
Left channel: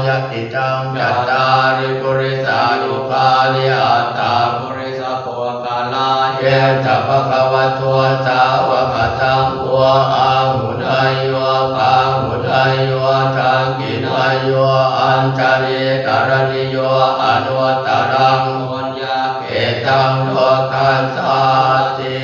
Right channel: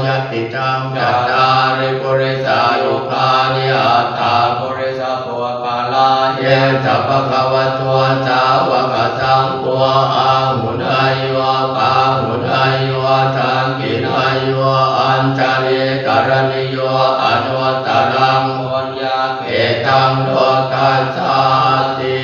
ยติตังจัตตาริปุริสายุคาลิอัตตาปุริสโภคาลาเยจะภควโตสาวกสังโฆอาหุนายโยปาหุนายโยทังกินายโยอัญชลิกรณิโยอนุตตรังปุญญาเกตังโลกัสสาติ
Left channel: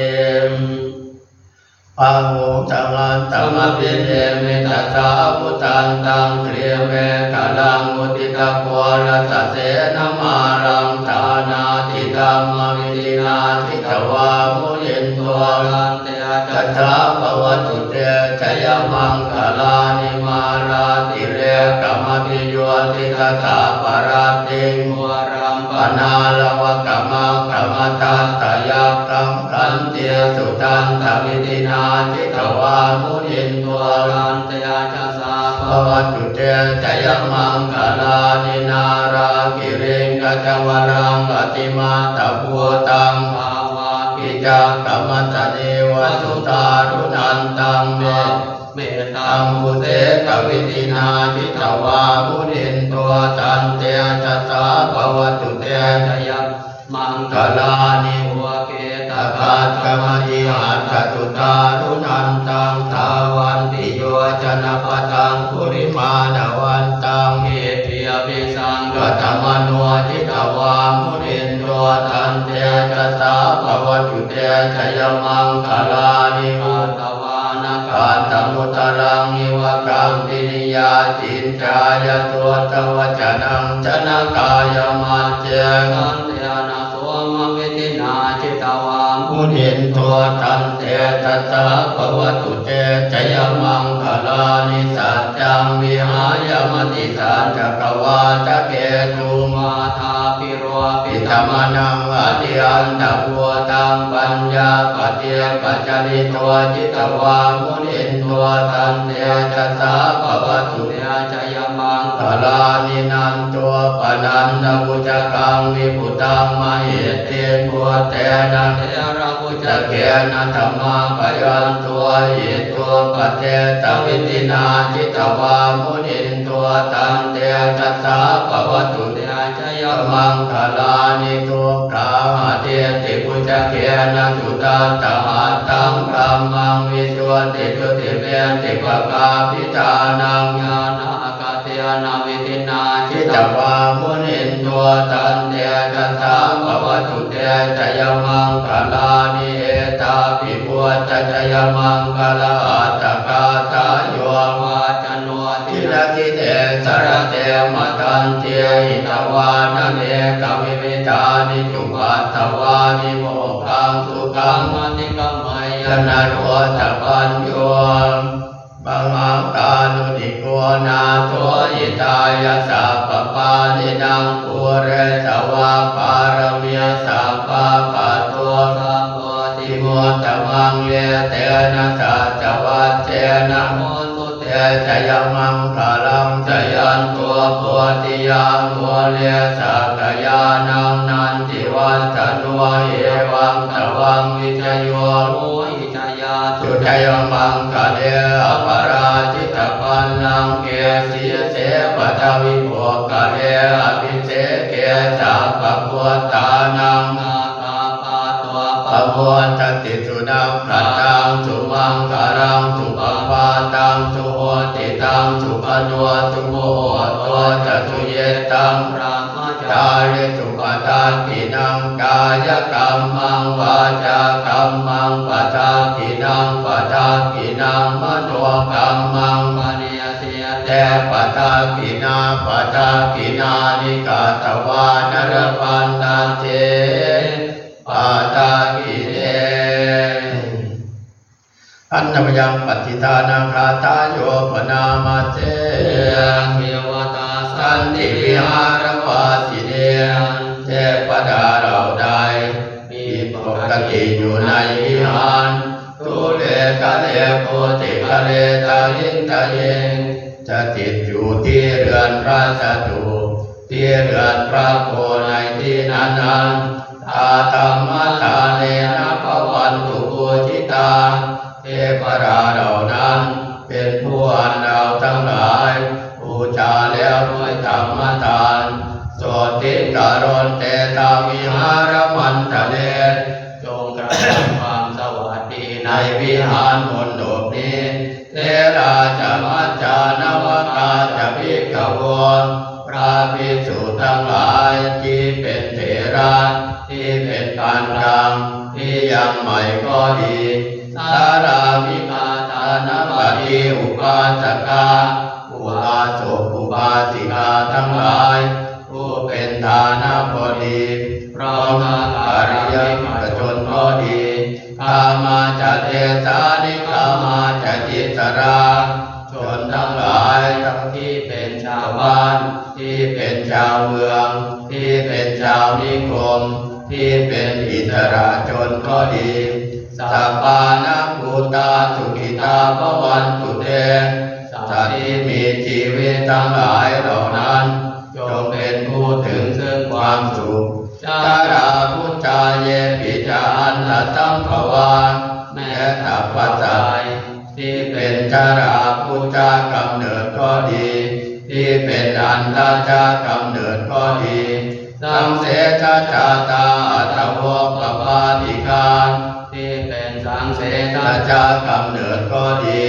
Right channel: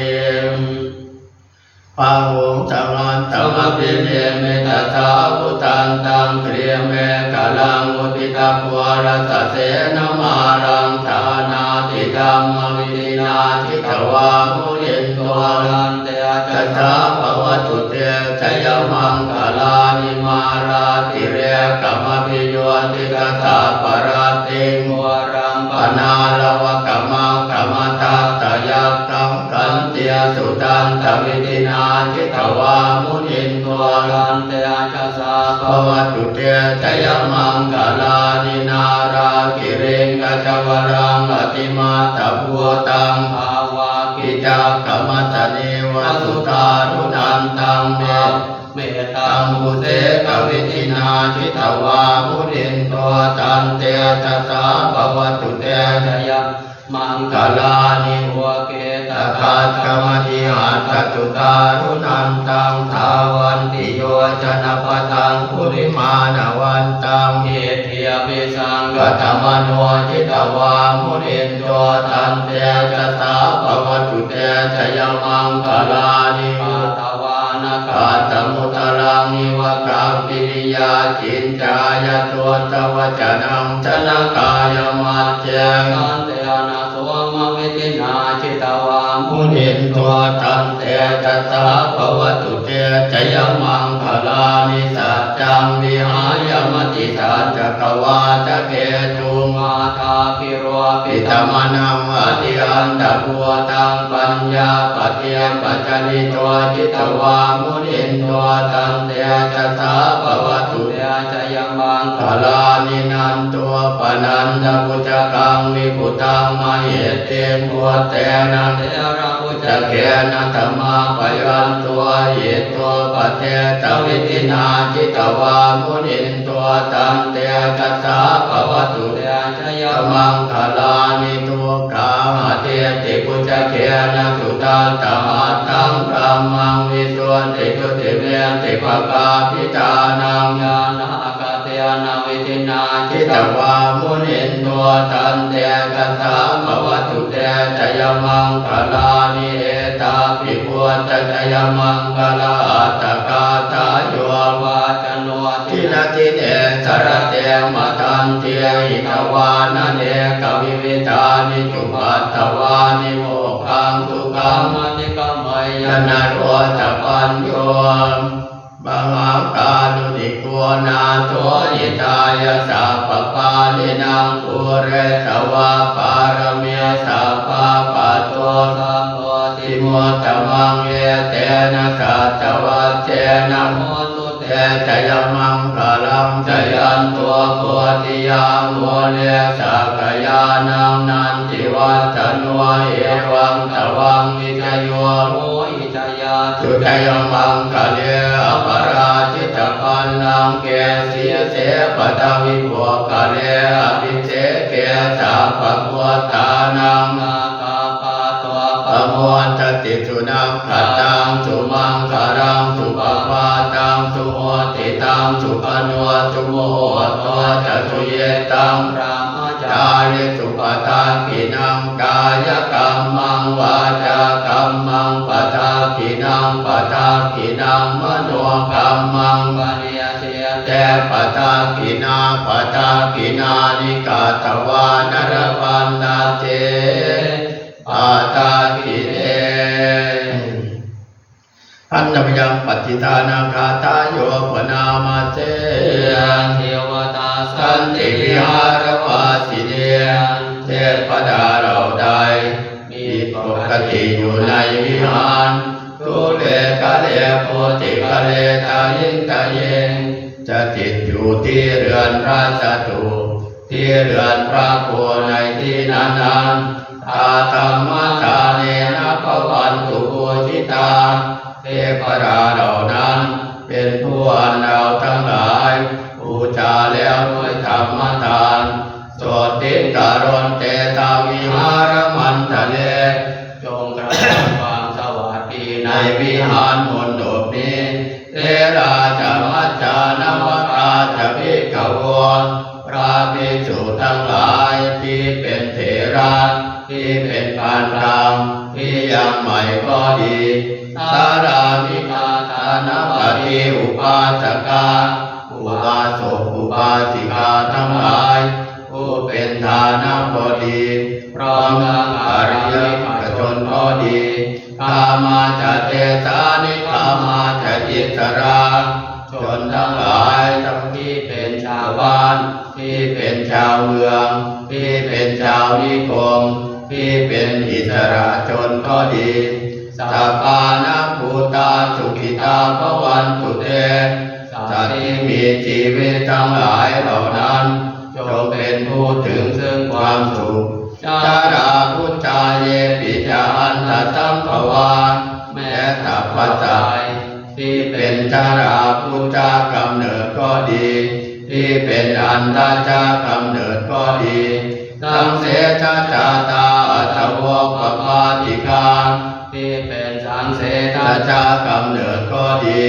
ปังวงสังอันตัมปิเนมิตัสสะพุทธันตังเตรียเมฆลังมุติตะโพรัสเสนมารังธานาติธัมมวิรินาทิตวามุนิโต ตัวลันเตจัสสะภวตุเตชยมังคลานิมาราติเรกมพิโยติกตาปราติงวรังปนาลวะกมังกมตัตตยักขังขันเตียสุตันตวิตินาจิตวามุนินตัวลันเตจัสสะภวตุเตชยมังคลานินาราติเริงอจวรังอติมาตพัวตังภาวะกิจักขมัสสเนวสุตารุนันตังเมตังมุเตกวิตินาทิตวามุนินตัวตันเตจัสสะภวตุเตชยมังคลานิหัวเกตกัสขมจิหัตถตุตารุนันตังทาวันติโยชนะปตังปุริมาณวันตังเอภิยภิสังกตมโนทิตวามุนินตัวตันเตจัสสะภวตุเตชยมังคลานิหัตวานกาตมุตลังนิวกังปินิยาจินจายตัวตวจนังชนะกายมัจเจขันเตนะโสมวิตินาจิตวามุนินตัวตันเตจัสสะภวตุเตชยมังคลานิสัจจังวิหายมติสัจจกวาจเกตุมาทาปิโรปิธรรมนังอธิอันตพัวตังปัญญาปเทียปัจจนิตัวจิตวามุนินตัวตันเตจัสสะภวตุเตชยมังคลานินันตัวปนันตปุจกังวิปุตังมเหเตปัวเตนะเทระปุจเกนะธรรมาปยันตัวเยตัวปเทตวิตินาจิตวามุนินตัวตันเตจัสสะภวตุเตชยมังคลานิตัวกาเทติปุจเกนะสุตันตหัตตังพรหมังวิสุทธิจุติเวติภกาพิจานังญาณากเตนะวิตินาจิตวามุนินตัวตันเตจัสสะภวตุเตชยมังคลานิเอตาปิปุตตชยมังคลาตกาตาโยวาจโนทินาทิเนสรเตมตันเทหิตวานเนกวิวิตานิจุปัตถวานิโมขังสุขังอธิกมยนาโรตปัญโยบังอาการุติโกนาโทยิตายาสัพพานินังปุเรตวาปารมีสัพพะปัตโตสัพพติมุตตมังเยเตนะสัจจวัจเจนะโมตุเตชยมังคลังชยันตัวโพธิยังโมเลสักยานังนันทิวัตโนเอวังตวังวิทโยโมหิจยาสุทยมังคเลอปราจิตปันนังเกสีเสปตวิโภคเลอภิเสเกสัพพพุทธานังปะโมทติสุนังขัตตังสุมังคารังสุปปาตังสุโหติตังสุขโนสุโมตัวจัสุเยตังพระมจาริสุปทานปินังกายกรรมังวาจากรรมังปทากินังปทากินังมโนกรรมังปเนเสเตปทากินาปทากินานิกาตวานรปันนาเตปาตากิเนอันนมยังปฏิทานังคาตาโยปนามาเตยังเทวตาสันติวิหารวาสิเดเทพดาเราได้มีปกติอยู่ในวิหารทุเลกะเลโพติกะเลตายิงตาเยงจะติดอยู่ที่เรือนพระจตุที่เรือนพระโคในที่นั้นตาธรรมตาเนนะภวันตุโพธิตาเทพราเหล่านั้นเป็นผู้อันเราทั้งหลายบูชาแล้วด้วยธรรมทานโสติการนเตตาวิหารมันทะเลจงกระทำความสวัสดีในวิหารมณฑปนี้เทราจะมัจจานวกาจะภิกขวพระภิกษุทั้งหลายที่เป็นเถระที่เป็นปานกลางที่ยังใหม่ก็ดีสารามิตาทานปฏิอุปาสกาอุบาสกอุบาสิกาทั้งหลายผู้เป็นทานบดีพร้อมทั้งอริยชนก็ดีข ามาจะเทสานิกามาจะจิตราชนทั้งหลายทั้งที่เป็นชาวบ้านที่เป็นชาวเมืองที่เป็นชาวนิคมที่เป็นอิสระชนก็ดีสัพพานักภูตาสุขิตาภวันตุเตสัตว์ที่มีชีวิตทั้งหลายเหล่านั้นจงเป็นผู้ถึงซึ่งความสุขจาราพุทธาเยปิจาอันตสัมภวาแม้ตัพพะใจที่เป็นจาราพุทธากำเนิดก็ดีที่เป็นอันตจากำเนิดก็ดีสังเสชาชาตาอัตโวปปาติกาที่เป็นสังเสชาจากำเนิดก็ดี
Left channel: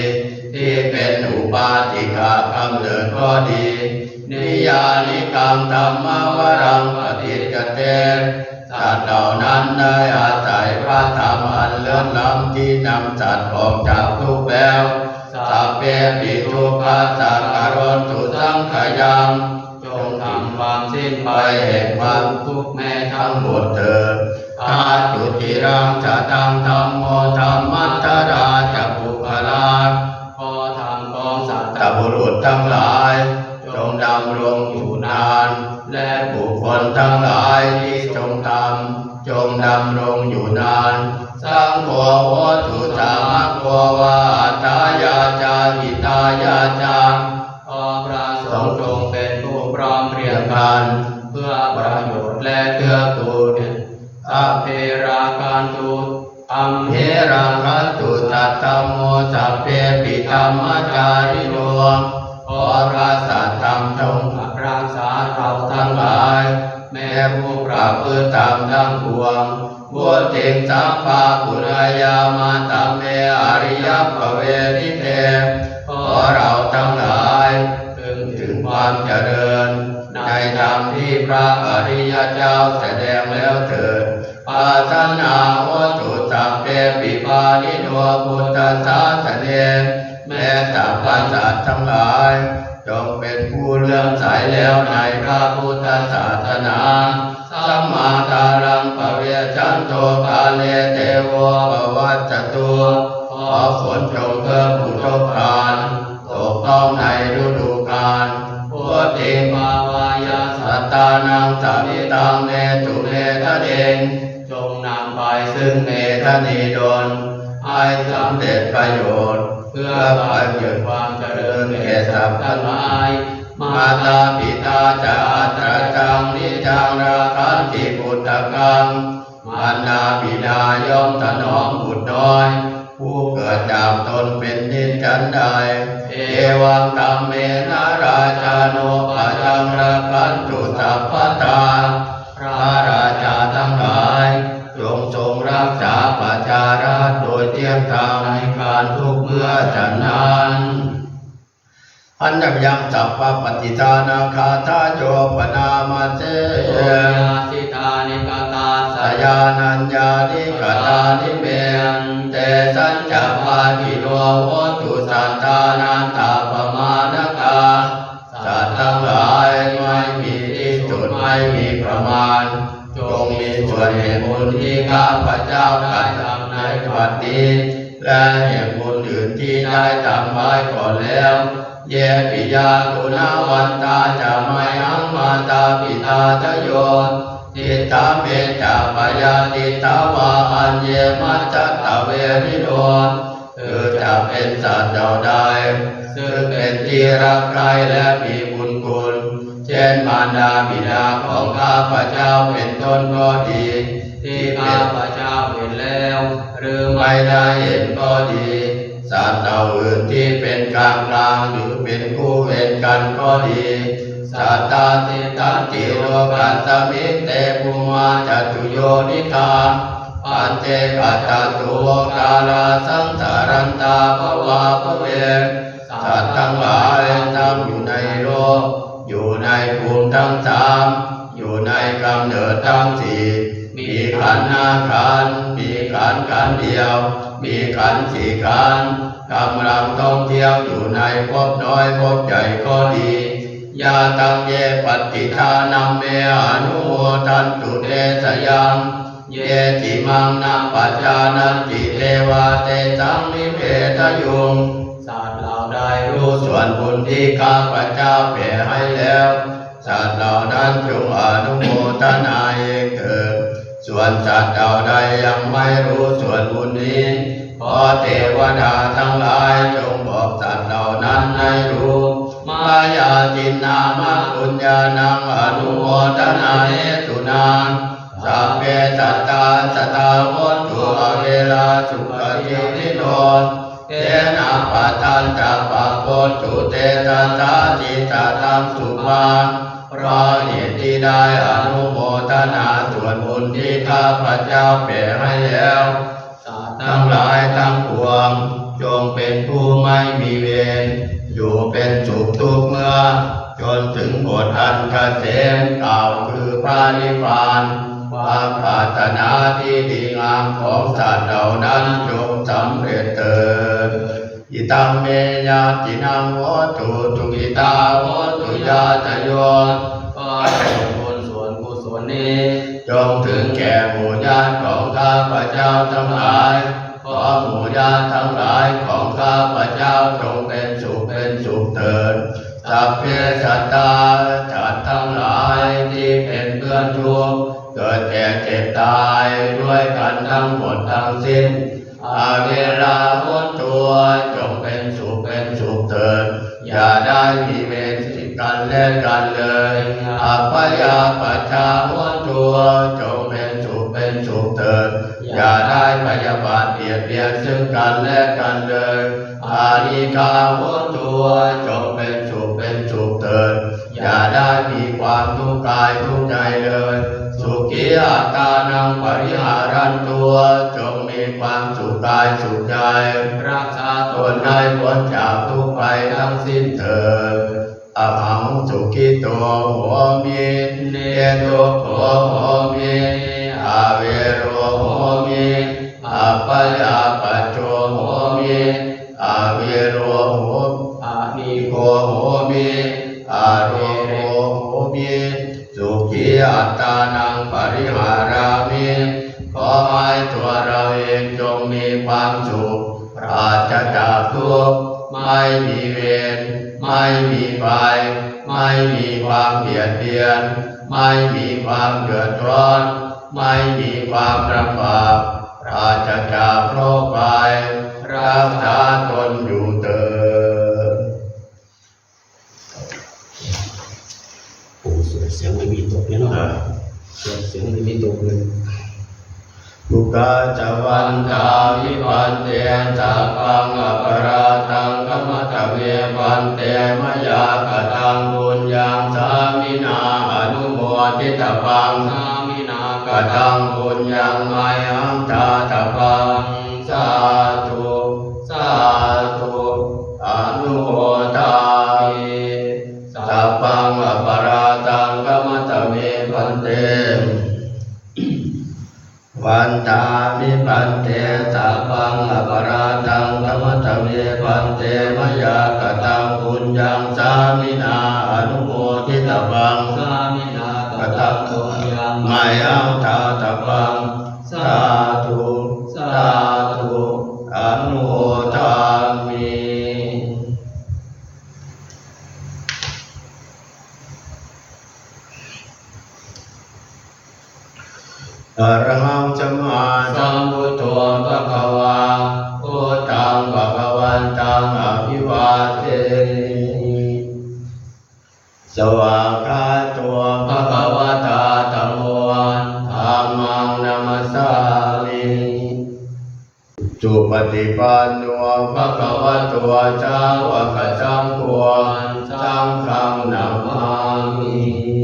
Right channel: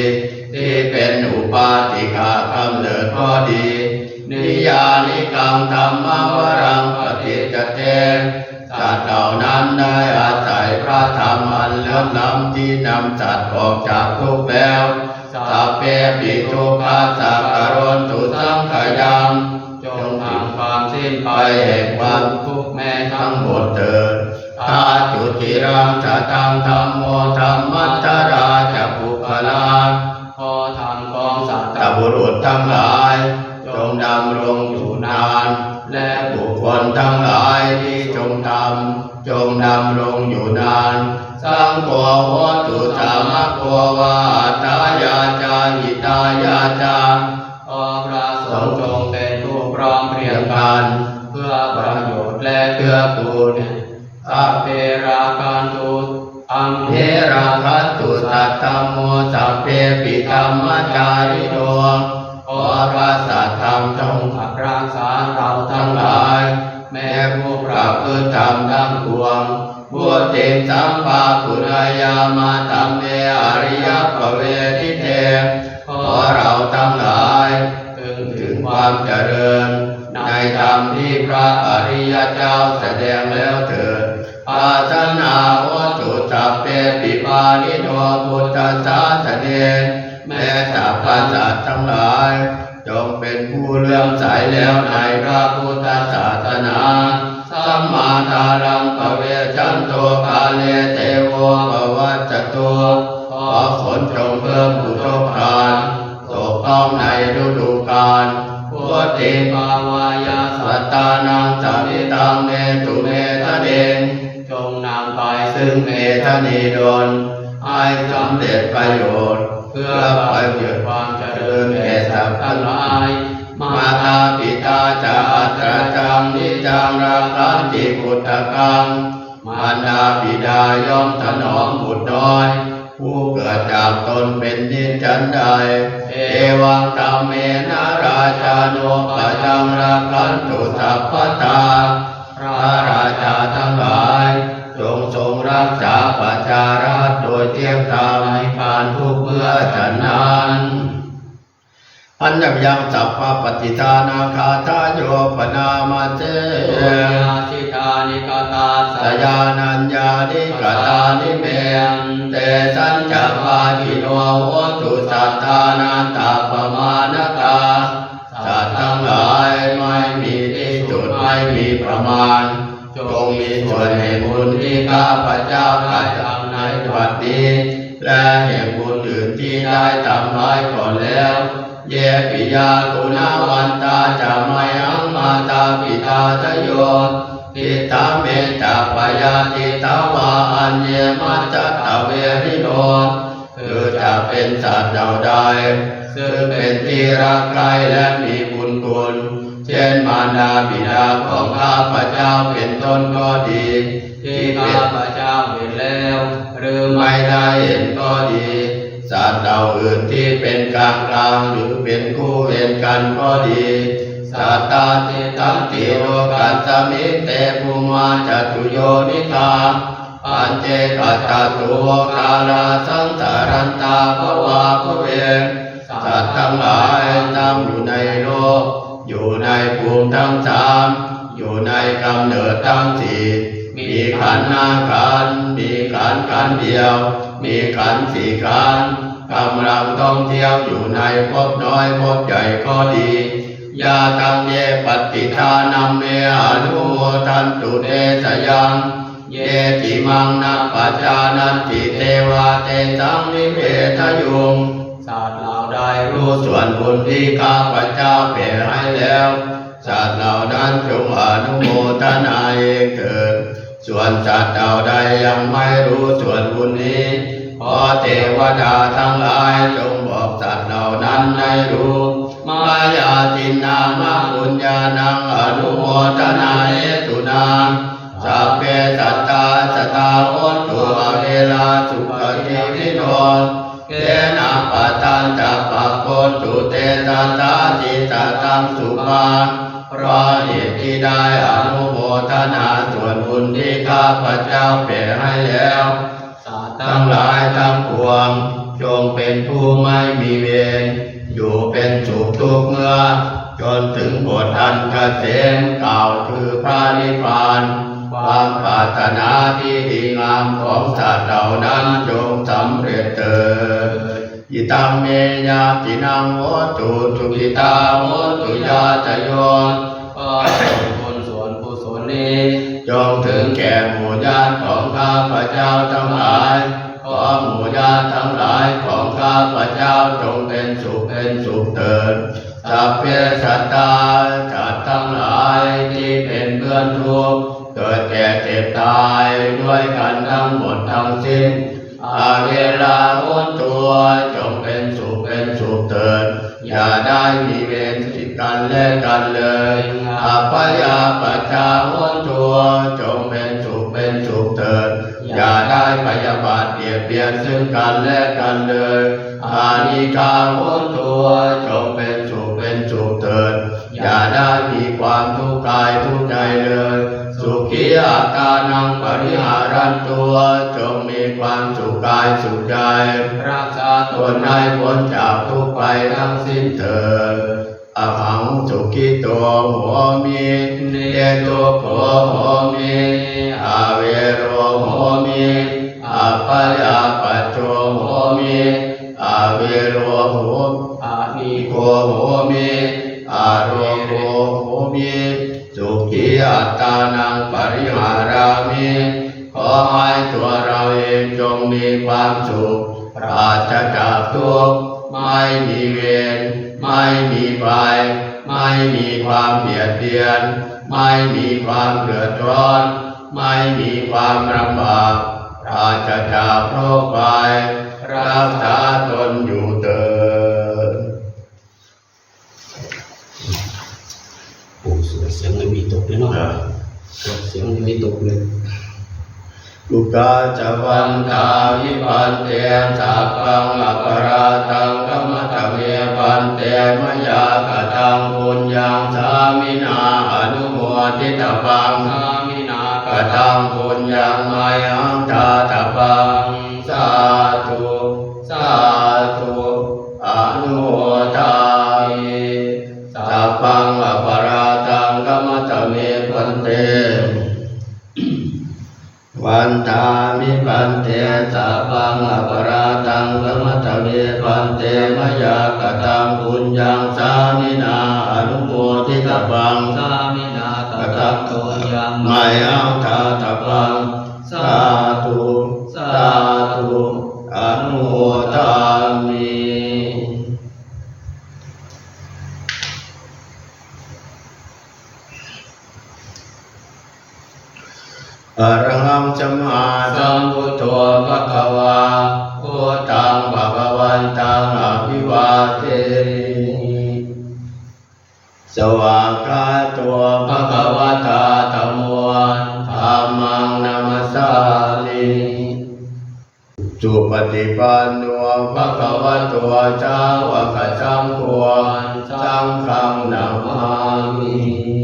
ที่เป็นอุปาติกากำเนิดก็ดีนิยานิกังธรรมวรังปฏิจเตสัตว์เหล่านั้นได้อาศัยพระธรรมอันเลิศล้ำที่นำสัตว์ออกจากทุกข์แล้วสัพเพปิทุกขาสักการนตุสังขยังจงทำความสิ้นไปแห่งความทุกข์แม้ทั้งหมดเถิดทาจุติรังสตังธัมโมธัมมัตตราจะปุคลาขอธรรมของสัตว์บุรุษทั้งหลายจงดำรงอยู่นานและบุคคลทั้งหลายที่จงทำจงดำรงอยู่นานสังโฆวัตถุสามะโกวาตายาจาหิตายาจาขอพระสงฆ์จงเป็นผู้พร้อมเพรียงกันเพื่อประโยชน์และเกื้อกูลสัพเพราคันตุอัมเพราคันตุสัตตโมสัพเพปิธรรมจาริโนขอพระสัตธรรมจงรักษาเราทั้งหลายแม้ผู้ประพฤติธรรมทั้งปวงบุติสัมปะปุรายามาตัมเมอริยปเวทิเตขอเราทั้งหลายถึงความเจริญในธรรมที่พระอริยเจ้าแสดงแล้วเถิดอาสนาวัตถุสัพเพปิปานิโนพุทธศาสเนแม้สรรพสัตว์ทั้งหลายจงเป็นผู้เลื่อมใสแล้วในพระพุทธศาสนาสัมมาทารังปะเวชันโตกาเลเทโวปวัจจตุขอฝนจงเพิ่มอุทกทานตกต้องในฤดูกาลพุทธิภาวายาสัตตานังสัมมิตังเมตุเมทะเดงจงนำไปซึ่งเมธนีดลให้สำเร็จประโยชน์เพื่อไปเกิดความเจริญแก่สัตว์ทั้งหลายมาตาปิตาจาตราจังนิจังรักขันติพุทธกังมารดาบิดาย่อมถนอมบุตรน้อยผู้เกิดจากตนเป็นนิจฉันใดเอวังธรรมเมนะราชาโนปะจังรักขันตุสัพพตาพระราชาทั้งหลายจงทรงรักษาประชาราษฎร์โดยเที่ยงธรรมในการทุกเพื่อฉันนั้นอันยังสัพพปฏิทานาคาทาโยปนามาเจสิทานิกตาสยานัญญานิกตานิเมเตสัญจปาจิโนโหตุสัตตานันตาปมาณกาสัตว์ทั้งหลายไม่มีที่สุดไม่มีประมาณจงมีส่วนแห่งบุญที่ข้าพเจ้ากระทำในบัดนี้และแห่งบุญอื่นที่ได้ทำไว้ก่อนแล้วเยปิยากุณาวันตาจะไม่อังมาตาปิตาทโยทิตาเมตาปยาติตาวาอัญเยมัจจตเวริโนคือจะเป็นสัตว์เหล่าใดซึ่งเป็นที่รักใคร่และมีบุญคุณเช่นมารดาบิดาของข้าพเจ้าเป็นต้นก็ดีที่ข้าพเจ้าเห็นแล้วหรือไม่ได้เห็นก็ดีสัตว์เหล่าอื่นที่เป็นกลางกลางหรือเป็นคู่เวรกันก็ดีสัตตาติตันติโลกัสสมิเตภูมาจัตุโยนิทาปัญเจกัตตุโวกาลาสังสารันตาภวาภเวสัตว์ทั้งหลายตั้งอยู่ในโลกอยู่ในภูมิทั้งสามอยู่ในกำเนิดทั้งสี่มีขันธ์ห้าขันธ์มีขันธ์เดียวมีขันธ์สี่ขันธ์กำลังท่องเที่ยวอยู่ในภพน้อยภพใหญ่ก็ดียาตังเยปฏิทานัมเมอนุโมทันตุเตสยัง เยจิมังนะปัจจานันติเทวาเตสังนิเพทยุงสัตว์เหล่าใดรู้ส่วนบุญที่ข้าพเจ้าแผ่ให้แล้วสัตว์เหล่านั้นจงอนุโมทนาเองเถิดส่วนสัตว์เหล่าใดยังไม่รู้ส่วนบุญนี้ขอเทวดาทั้งหลายจงบอกสัตว์เหล่านั้นให้รู้มายาทินนามะปุญญานังอนุโมทนาเหตุนังสัพเพสัตตาสตาโหตุอเวลาสุขติวิโนเกนะปัตตันตปะโกตุเตตาตาจิตาตังสุมาเพราะเหตุที่ได้อนุโมทนาส่วนบุญที่ข้าพเจ้าแผ่ให้แล้วสัตว์ทั้งหลายทั้งปวงจงเป็นผู้ไม่มีเวรอยู่เป็นสุขทุกเมื่อจนถึงบทอันเกษมกล่าวคือพระนิพพานความปรารถนาที่ดีงามของสัตว์เหล่านั้นจงสำเร็จเถิดอิตัมเมญาตินังโหตุสุขิตาโหตุยาตโยขอให้บุญส่วนกุศลนี้จงถึงแก่หมู่ญาติของข้าพเจ้าทั้งหลายขอหมู่ญาติทั้งหลายของข้าพเจ้าจงเป็นสุขเถิดสัพเพสัตตาสัตว์ทั้งหลายที่เป็นเพื่อนทุกข์เกิดแก่เจ็บตายด้วยกันทั้งหมดทั้งสิ้นอาเวลาพ้นตัวจงเป็นสุขเถิดอย่าได้มีเวรสิกันและกันเลยอัปปยาปัจจาพ้นตัวจงเป็นสุขเถิดอย่าได้พยาบาทเบียดเบียนซึ่งกันและกันเลยอานิกาพ้นตัวจงเป็นสุขเถิดอย่าได้มีความทุกข์กายทุกข์ใจเลยสุขีอัตตานังปริหารันตัวจงมีความสุขกายสุขใจรักษาตนให้พ้นจากทุกข์ภัยทั้งสิ้นเถิดอหังสุขิโตโหมิเนโตโหมิอาเวโรโหมิอัปปยาปัจโจโหมิอาเวโรโหอานิโกโหมิอาโรโกโหมิสุขีอัตตานังปริหารามิขอให้ตัวเราเองจงมีความสุขปราศจากทุกข์ไม่มีเวรไม่มีภัยไม่มีความเบียดเบียนไม่มีความเดือดร้อนไม่มีความลำบากปราศจากโรคภัยรักษาตนอยู่เถิดโอ้เสียงไม่มีตกเลยเนาะเสียงไม่มีตกเลยบุกาจวันตาวิปันเตสัพพังอปราตังกัมตเวปันเตมยากตังบุญยังสามินาอนุโมทิตปังสามินากตังบุญยังมายังตาตปังสาธุอนุโมทามิสัพพังอปราตังกัมตเวปันเตวันตามิปันเตสัพพังอปราตังกัมตเวปันเตมยากตังปุญญังสามินาอนุโมทิตปังสามินากตังปุญญังมายังตาตปังสาธุอนุโมทามิอรหังสัมมาสัมพุทโธภควาพุทธังภควันตังอภิวาเทมิสวากขาโตภควตาธัมโมธัมมังนัมสสามิสุปฏิปันโนภควโตสาวกสังโฆสังฆังนามามิ